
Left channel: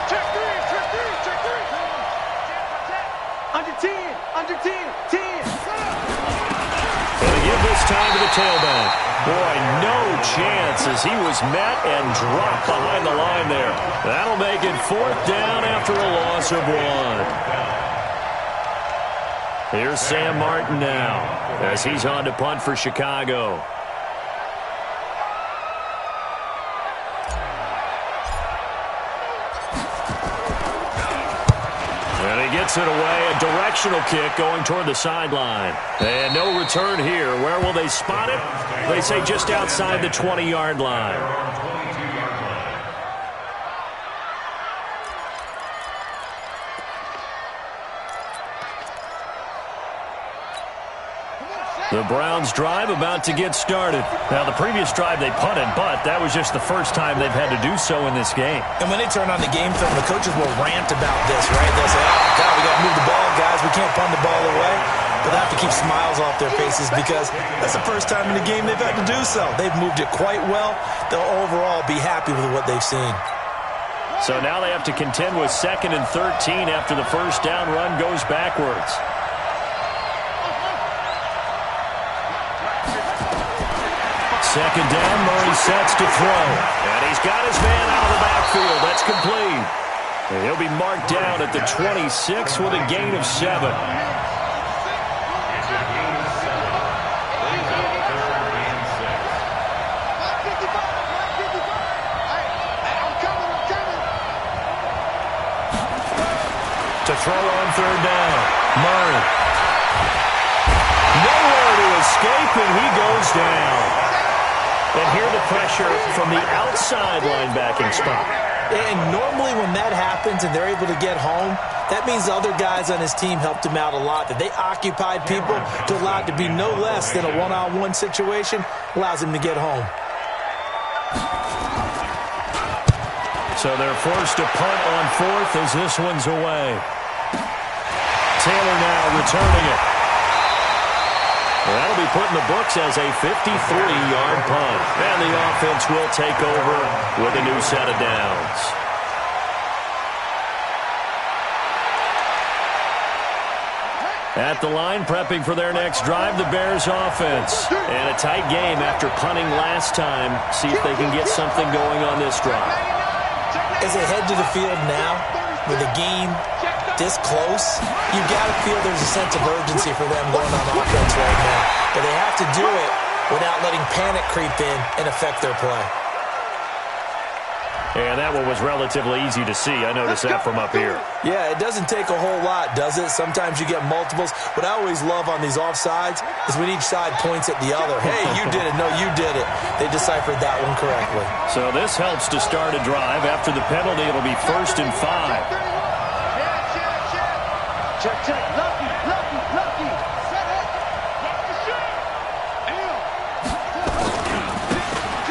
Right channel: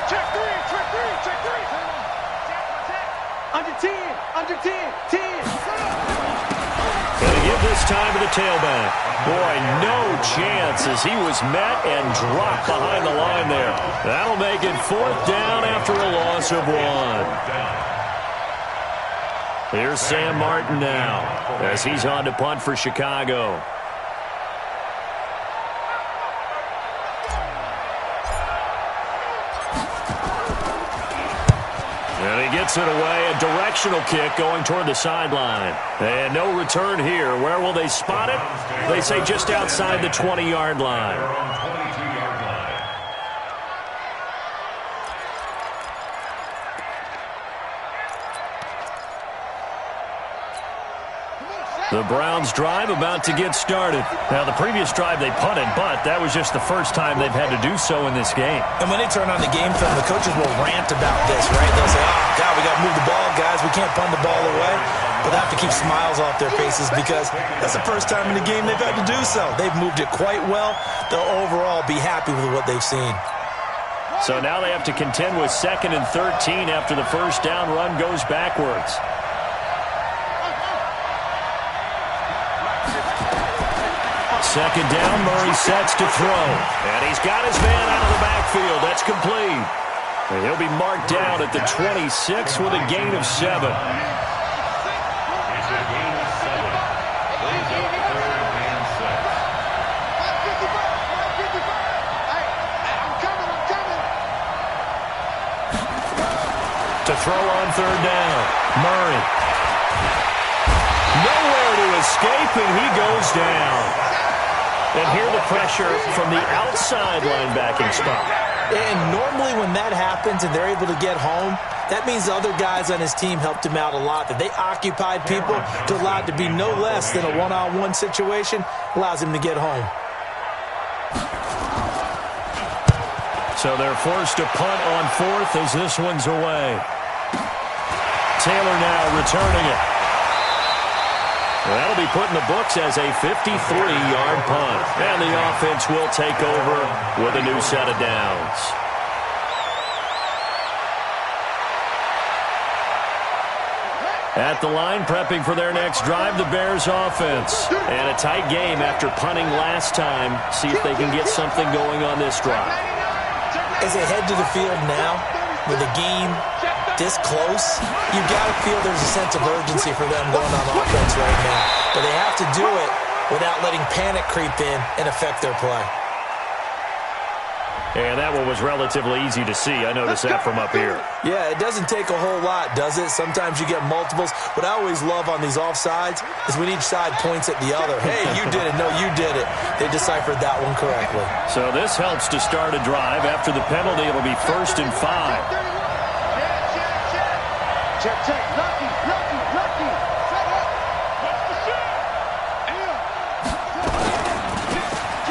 check 3, check 3, check 3. Under 10, under 10, 10. Going to give this time to the tailback. Boy, no chance as he was met and dropped behind the line there. That'll make it 4th down after a loss of 1. Here's Sam Martin now as he's on to punt for Chicago. And he gets it away, a directional kick going toward the sideline. And no return here. Where will they spot it? They say just outside the 20-yard line. The Browns drive about to get started. Now, the previous drive they punted, but that was just the first time they've had to do so in this game. And when they turn on the game film, the coaches will rant about this, right? They'll say, oh, God, we got to move the ball, guys. We can't punt the ball away. But they have to keep smiles off their faces because that's the first time in the game they've had to do so. They've moved it quite well. They'll overall be happy with what they've seen. So now they have to contend with 2nd and 13 after the first down run goes backwards. Second down, Murray sets to throw. And he's got his man out of the backfield. That's complete. And he'll be marked down at the 26 with a gain of 7. It's a gain of 7. Brings up 3rd and 6. 555. Hey, I'm coming. To throw on 3rd down. Murray. Nowhere to escape, and he goes down. And here the pressure from the outside linebacking spot. And normally when that happens and they're able to get home, that means the other guys on his team helped him out a lot. That they occupied people to allow it to be no less than a one-on-one situation, allows him to get home. So they're forced to punt on 4th as this one's away. Taylor now returning it. Well, that'll be put in the books as a 53-yard punt. And the offense will take over with a new set of downs. At the line, prepping for their next drive, the Bears offense. And a tight game after punting last time. See if they can get something going on this drive. As they head to the field now, with the game this close, you've got to feel there's a sense of urgency for them going on offense right now. But they have to do it without letting panic creep in and affect their play. And that one was relatively easy to see. I noticed that from up here. Yeah, it doesn't take a whole lot, does it? Sometimes you get multiples. What I always love on these offsides is when each side points at the other. Hey, you did it. No, you did it. They deciphered that one correctly. So this helps to start a drive. After the penalty, it'll be 1st and 5. Check. Lucky. Set up. Watch the shot.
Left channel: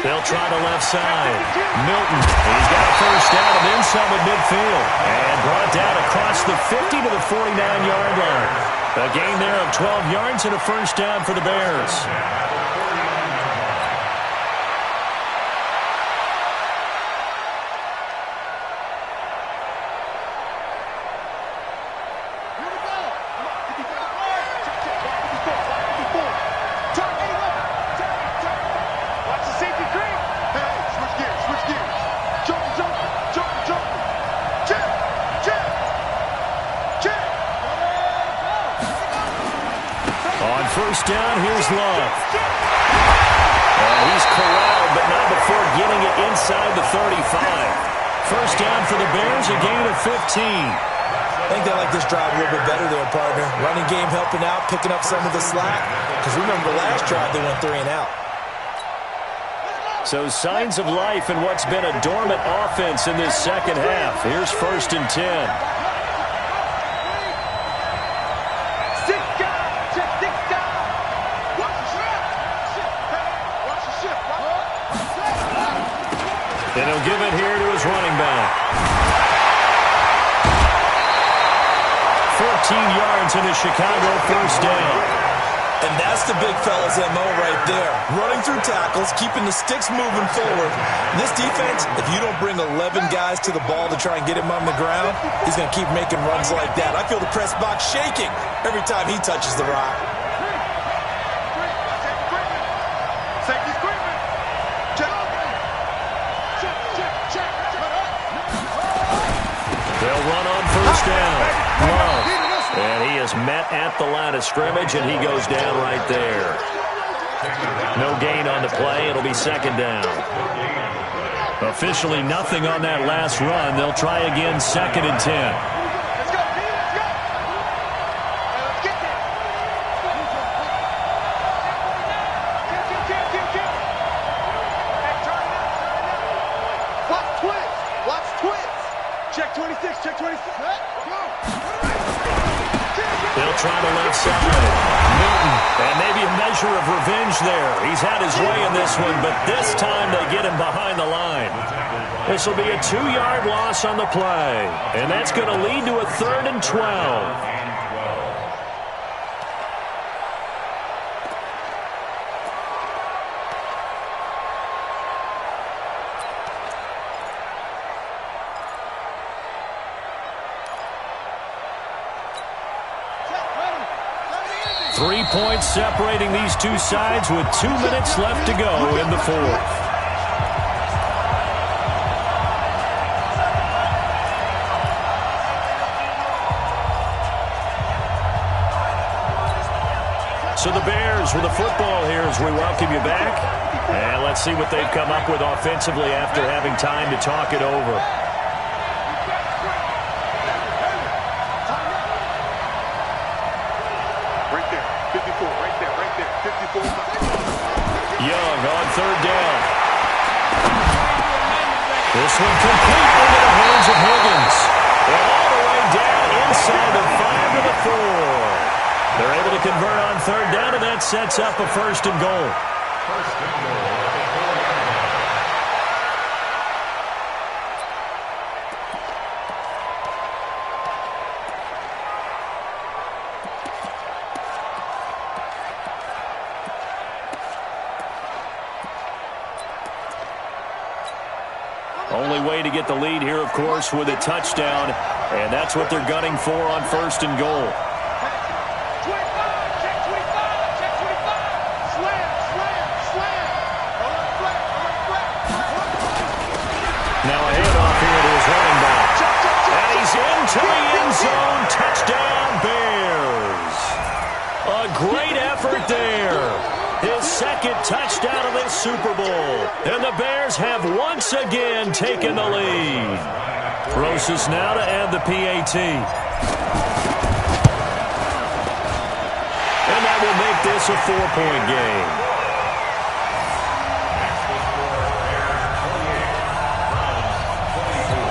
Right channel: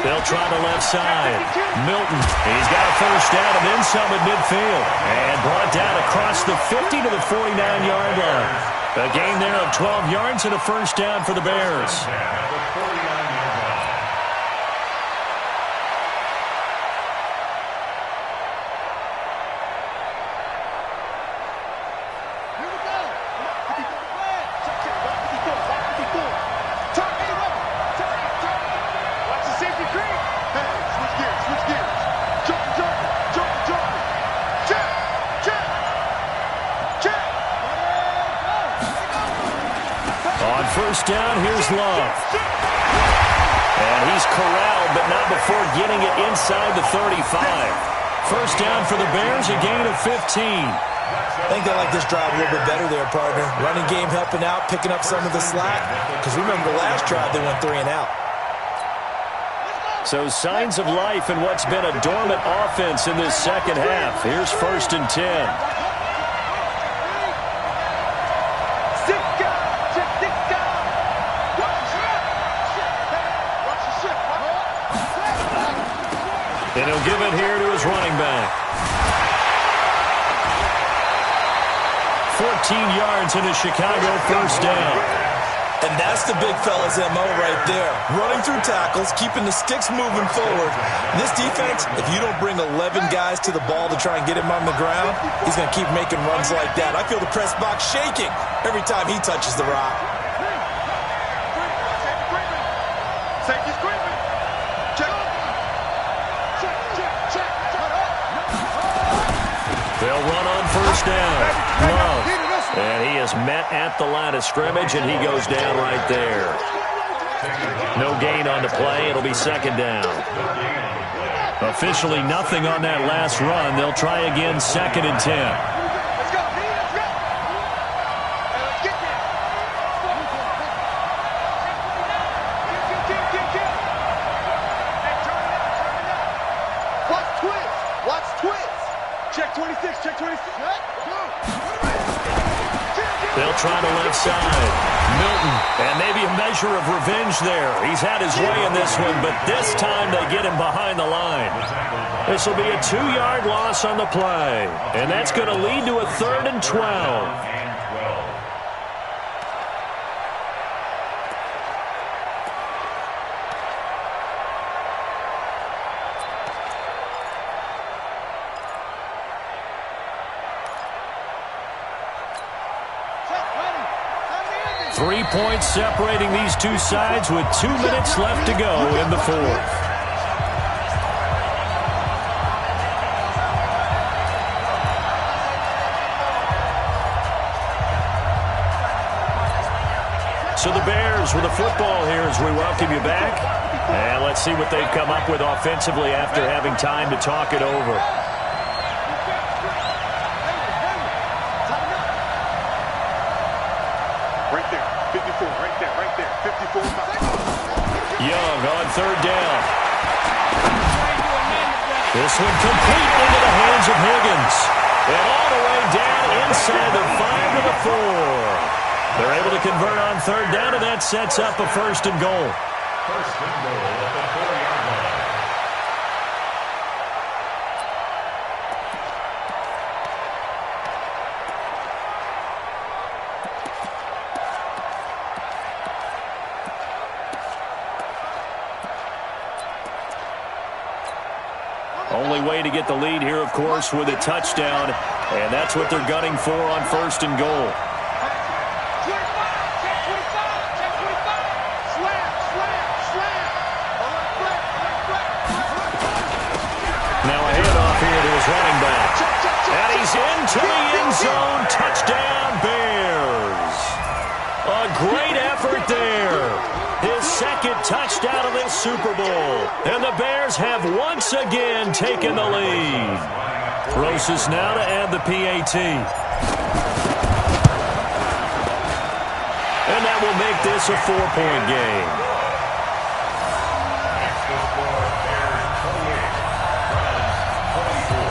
They'll try the left side. Milton, he's got a first down and then some at midfield. And brought down across the 50 to the 49-yard line. A gain there of 12 yards and a first down for the Bears. On first down, here's Love. And he's corralled, but not before getting it inside the 35. First down for the Bears, a gain of 15. I think they like this drive a little bit better there, partner. Running game helping out, picking up some of the slack. Because remember, last drive they went 3 and out. So signs of life in what's been a dormant offense in this second half. Here's 1st and 10. And he'll give it here to his running back. 14 yards and a Chicago first down. And that's the big fella's MO right there. Running through tackles, keeping the sticks moving forward. This defense, if you don't bring 11 guys to the ball to try and get him on the ground, he's going to keep making runs like that. I feel the press box shaking every time he touches the rock. Safety's creeping. Check. They'll run on first down. Love. And he is met at the line of scrimmage, and he goes down right there. No gain on the play. It'll be 2nd down. Officially nothing on that last run. They'll try again, 2nd and 10. Let's go. Hey, let's get there. Kill. Hey, turn it up. Watch twist. Check 26. Go. They'll try the left side. Milton, and maybe a measure of revenge there. He's had his way in this one, but this time they get him behind the line. This will be a 2-yard loss on the play, and that's going to lead to a 3rd and 12. 3 points separating these two sides with 2 minutes left to go in the 4th. So the Bears with the football here as we welcome you back. And let's see what they've come up with offensively after having time to talk it over. Right there, 54, right there, 54. Young on third down. This one complete into the hands of Higgins. And all the way down inside the 5 to the 4. They're able to convert on third down, and that sets up a first and goal. First and goal at the 4-yard line. Only way to get the lead here, of course, with a touchdown, and that's what they're gunning for on first and goal. 25, check 25, check 25. Slam, slam, slam. Alert flat, alert flat. Now a handoff here to his running back. And he's into the end zone. Touchdown, Bears. A great effort there. His second touchdown of this Super Bowl. And the Bears have once again taken the lead. Rosas now to add the PAT. And that will make this a 4-point game. Next to score, Bears 28, Browns 24.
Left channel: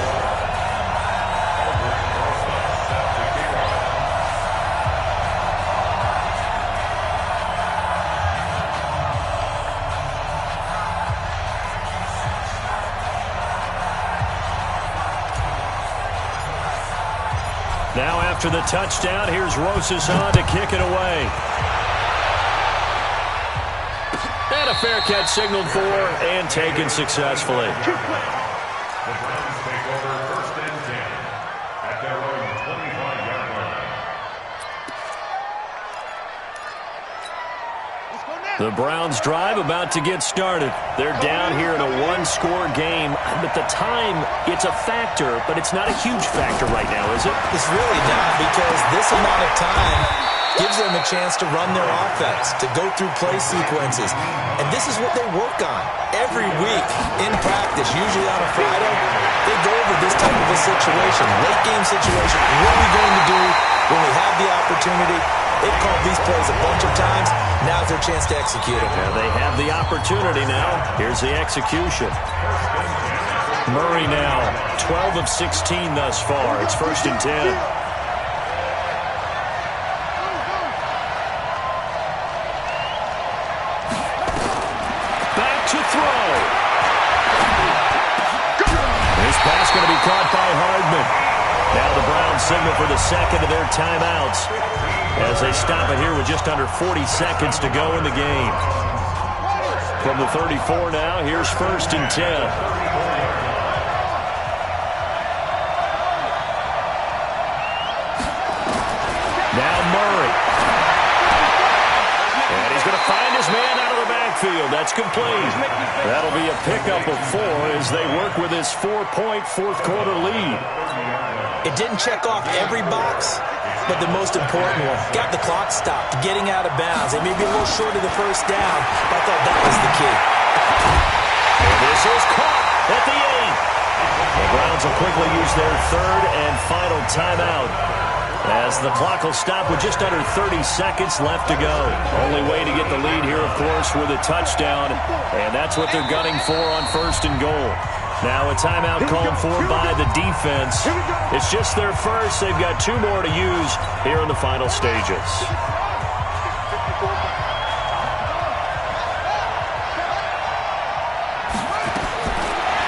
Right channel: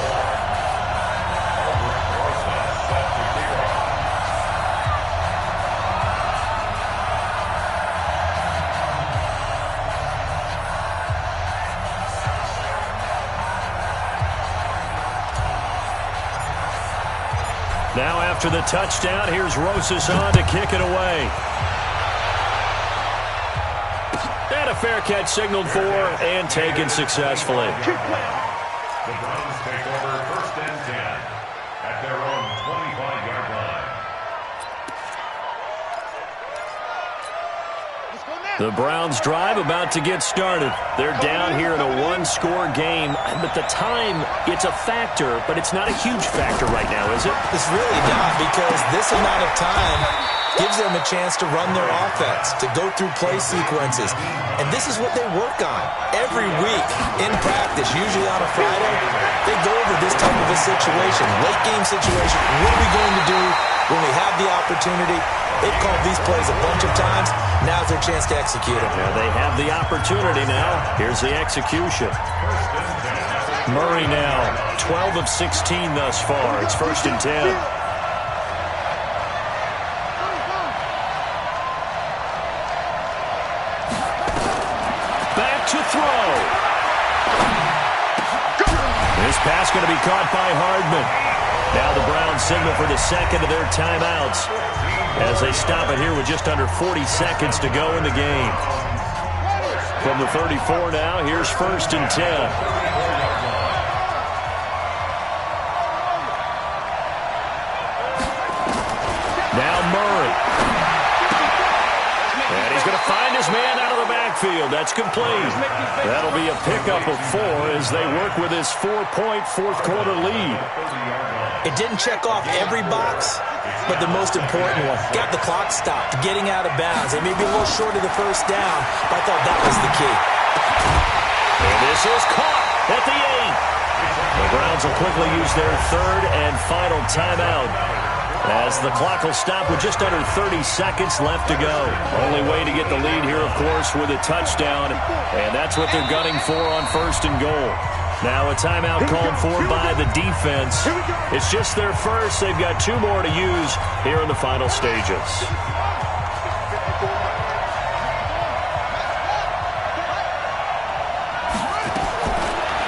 Albert Rosas set to kick off. Now after the touchdown, here's Rosas on to kick it away. And a fair catch signaled for and taken successfully. The Browns take over first and 10 at their own 25-yard line. Let's go now. The Browns drive about to get started. They're down here in a one-score game, but the time, it's a factor, but it's not a huge factor right now, is it? It's really not, because this amount of time gives them a chance to run their offense, to go through play sequences. And this is what they work on every week in practice, usually on a Friday. They go over this type of a situation, late game situation. What are we going to do when we have the opportunity? They've called these plays a bunch of times. Now's their chance to execute them. Now they have the opportunity now. Here's the execution. Murray now, 12 of 16 thus far. It's first and 10. Back to throw. This pass going to be caught by Hardman. Now the Browns signal for the second of their timeouts as they stop it here with just under 40 seconds to go in the game. From the 34 now, here's first and 10. Now Murray. And he's going to find his man out of the backfield. That's complete. That'll be a pickup of 4 as they work with his 4-point fourth-quarter lead. It didn't check off every box, but the most important one. Got the clock stopped, getting out of bounds. They may be a little short of the first down, but I thought that was the key. And this is caught at the 8. The Browns will quickly use their third and final timeout as the clock will stop with just under 30 seconds left to go. Only way to get the lead here, of course, with a touchdown, and that's what they're gunning for on first and goal. Now a timeout called for by the defense. It's just their first. They've got 2 more to use here in the final stages.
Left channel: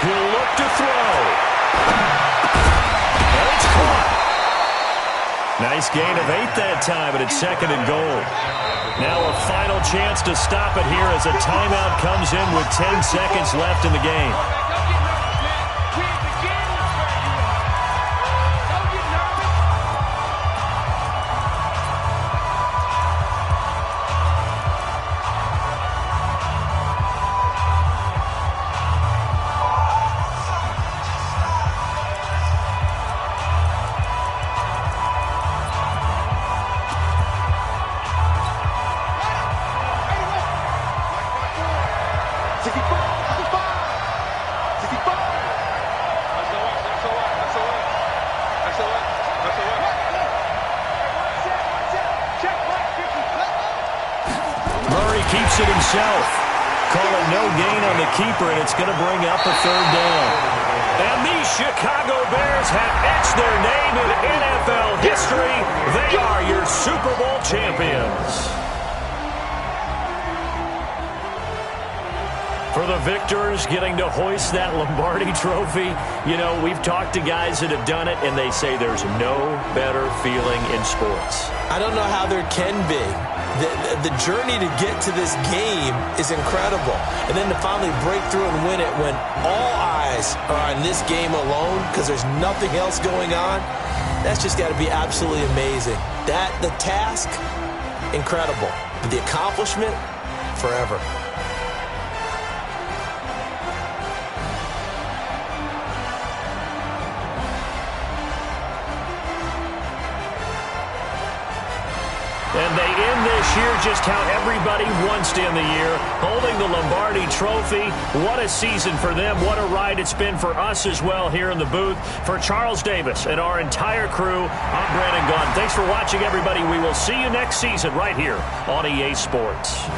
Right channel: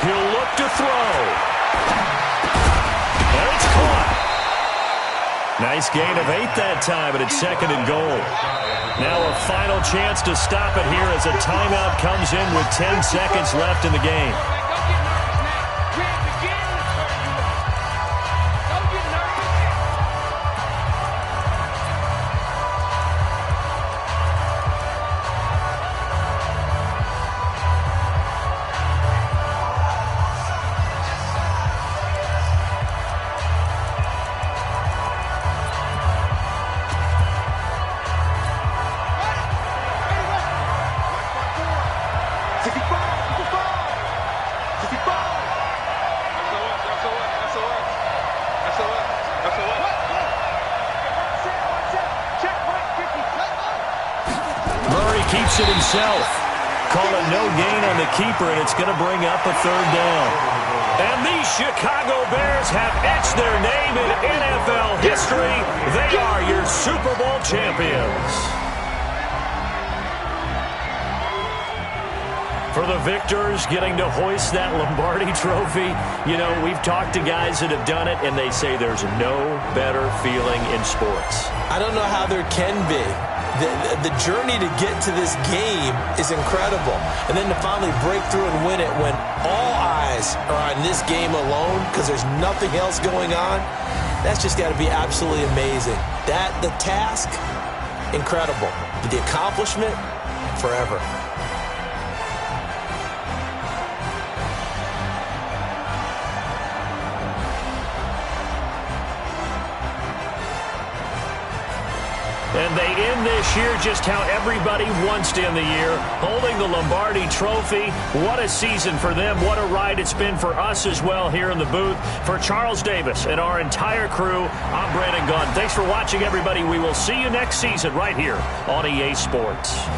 He'll look to throw. And it's caught. Nice gain of 8 that time, but it's second and goal. Now a final chance to stop it here as a timeout comes in with 10 seconds left in the game. keeps it himself. Call it no gain on the keeper, and it's going to bring up a third down. And the Chicago Bears have etched their name in NFL history. They are your Super Bowl champions. For the victors, getting to hoist that Lombardi trophy, you know, we've talked to guys that have done it, and they say there's no better feeling in sports. I don't know how there can be. The journey to get to this game is incredible. And then to finally break through and win it when all eyes are on this game alone because there's nothing else going on, that's just got to be absolutely amazing. The task, incredible. But the accomplishment, forever. And they end this year just how everybody wants to end the year, holding the Lombardi Trophy. What a season for them. What a ride it's been for us as well here in the booth. For Charles Davis and our entire crew, I'm Brandon Gaudin. Thanks for watching, everybody. We will see you next season right here on EA Sports.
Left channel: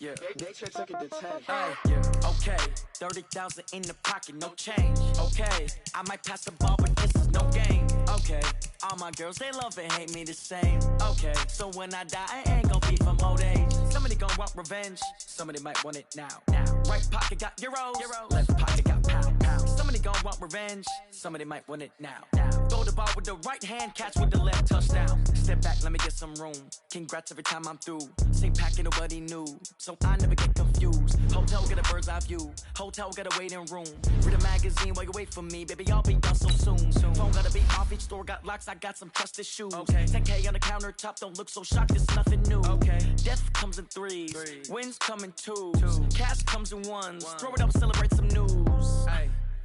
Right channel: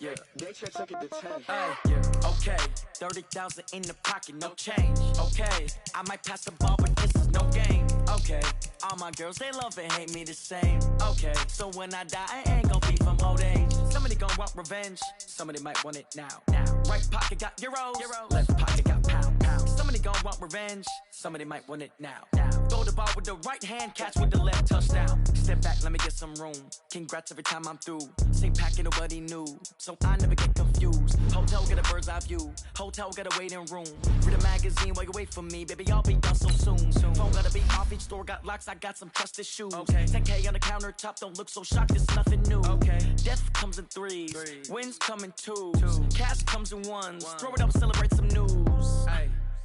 yeah. Hey, yeah. Okay, 30,000 in the pocket, no change. Okay, I might pass the ball, but this is no game. Okay, all my girls, they love and hate me the same. Okay, so when I die, I ain't gon' be from old age. Somebody gon' want revenge, somebody might want it now. Right pocket got euros, left pocket got pound. Somebody gon' want revenge, somebody might want it now. Throw the ball with the right hand, catch with the left, touchdown. Step back, let me get some room. Congrats every time I'm through. Same packet, nobody knew, so I never get confused. Hotel get a bird's eye view, hotel got a waiting room. Read a magazine while you wait for me, baby, I'll be done so soon. Phone gotta be off, each store got locks, I got some trusted shoes. 10K on the countertop, don't look so shocked, it's nothing new. Death comes in threes, wins come in twos, cash comes in ones. Throw it up, celebrate some news.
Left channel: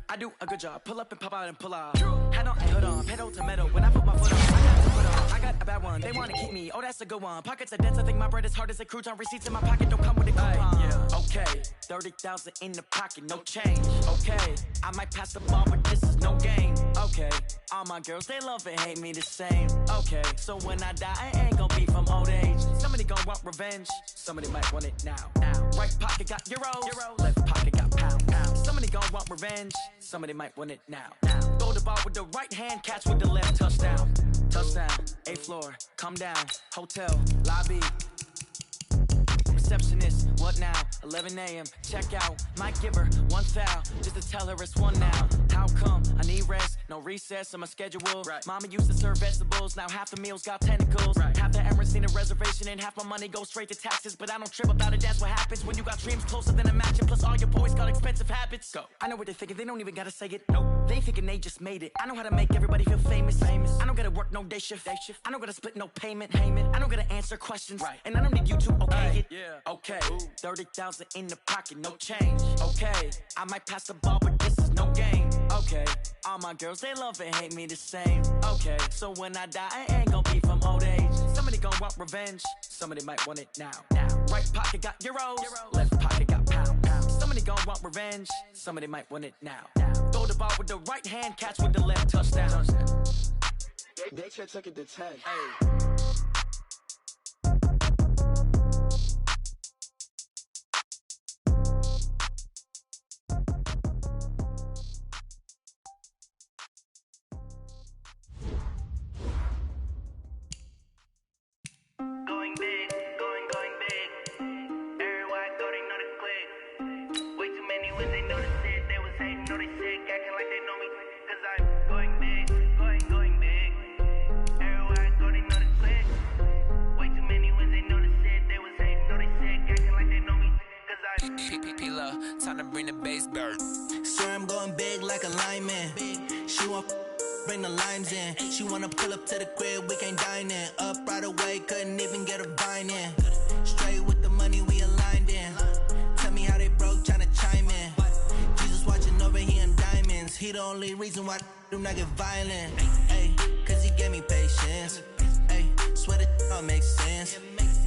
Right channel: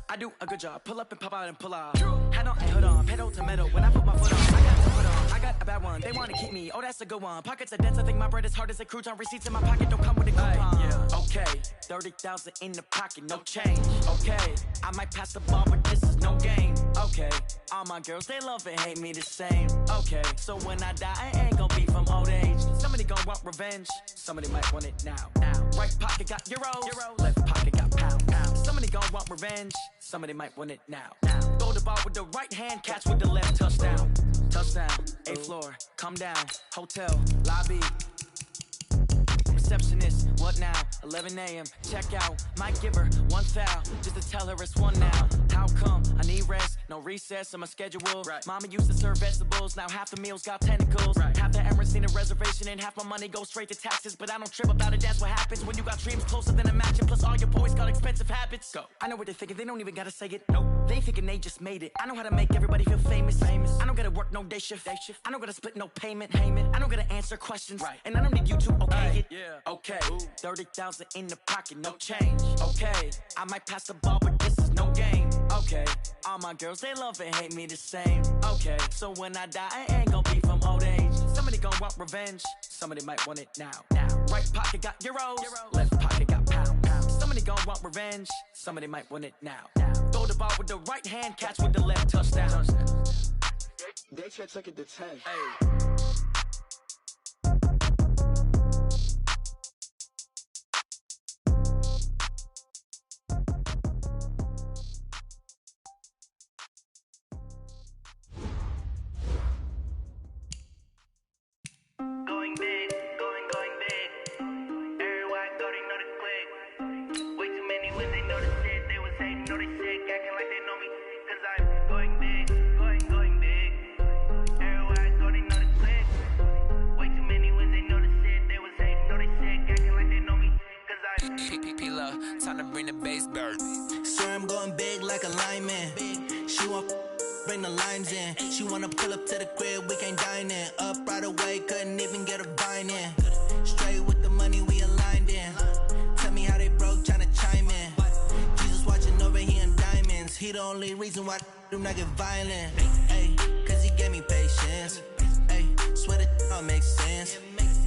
I do a good job, pull up and pop out and pull out. Head on and hood on, pedal to metal. When I put my foot on, I got to put on. I got a bad one, they wanna keep me, oh that's a good one. Pockets are dense, I think my bread is hard as a crouton. Receipts in my pocket don't come with a coupon. Okay, 30,000 in the pocket, no change. Okay, I might pass the ball, but this is no game. Okay, all my girls, they love and hate me the same. Okay, so when I die, I ain't gon' be from old age. Somebody gon' want revenge, somebody might want it now. Right pocket got euros, left pocket got pound. Somebody gon' want revenge, somebody might want it now. Throw the ball with the right hand, catch with the left, touchdown. Touchdown, 8th floor, come down, hotel, lobby. Receptionist, what now? 11 a.m. Check out, might give her one foul just to tell her it's one now. How come? I need rest, no recess on my schedule. Mama used to serve vegetables, now half the meals got tentacles. Half the Emirates need a reservation and half my money goes straight to taxes. But I don't trip about it, that's what happens when you got dreams closer than a match. And plus all your boys got expensive habits. Go. I know what they're thinking, they don't even gotta say it. Nope. They thinking they just made it. I know how to make everybody feel famous. I don't gotta work no day shift. I don't gotta split no payment. I don't gotta answer questions. And I don't need you to okay it. Okay, 30,000 in the pocket, no change. Okay, I might pass the ball, but this is no game. Okay, all my girls, they love and hate me the same. Okay, so when I die, I ain't gon' be from old age. Somebody gon' want revenge, somebody might want it now. Right pocket got euros, left pocket got pound. Somebody gon' want revenge, somebody might want it now. Throw the ball with the right hand, catch with the left, touchdown. They can't take it to 10. Going big, going big. Everywhere I go, they know the click. Way too many wins, they know the shit. They was hating, know they sick, acting like they know me. Cause I'm going big, going big. Everywhere I go, they know the click. Way too many wins, they know the shit. They was hating, know they sick, acting like they know me. Cause I'm P-P-P-Lo, time to bring the bass bird. Swear I'm going big like a lineman. She want bring the limes in. She wanna pull up to the crib, we can't dine in. Up right away, couldn't even get a vine in. Straight with the money we aligned in. Tell me how they broke, tryna chime in. Jesus watching over here in diamonds. He the only reason why do not get violent. Ay, cause he gave me patience. Ay, swear that all makes sense.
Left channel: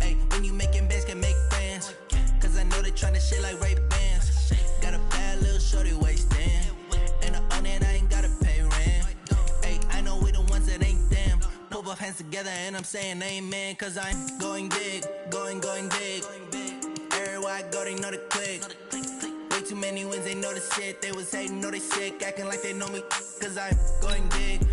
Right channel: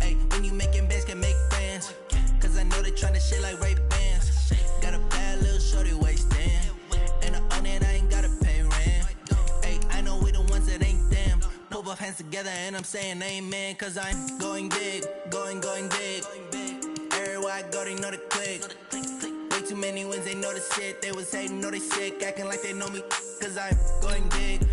Ay, when you making bands, can make friends. Cause I know they tryna shit like Ray-Bans. Got a bad little shorty wasting. And I own it, I ain't gotta pay rent. I know we the ones that ain't them. Pull both hands together and I'm saying amen. Cause I'm going big, going big. Everywhere I go, they know the click. Way too many wins, they know the shit. They was hating, know they sick, acting like they know me. Cause I'm going big,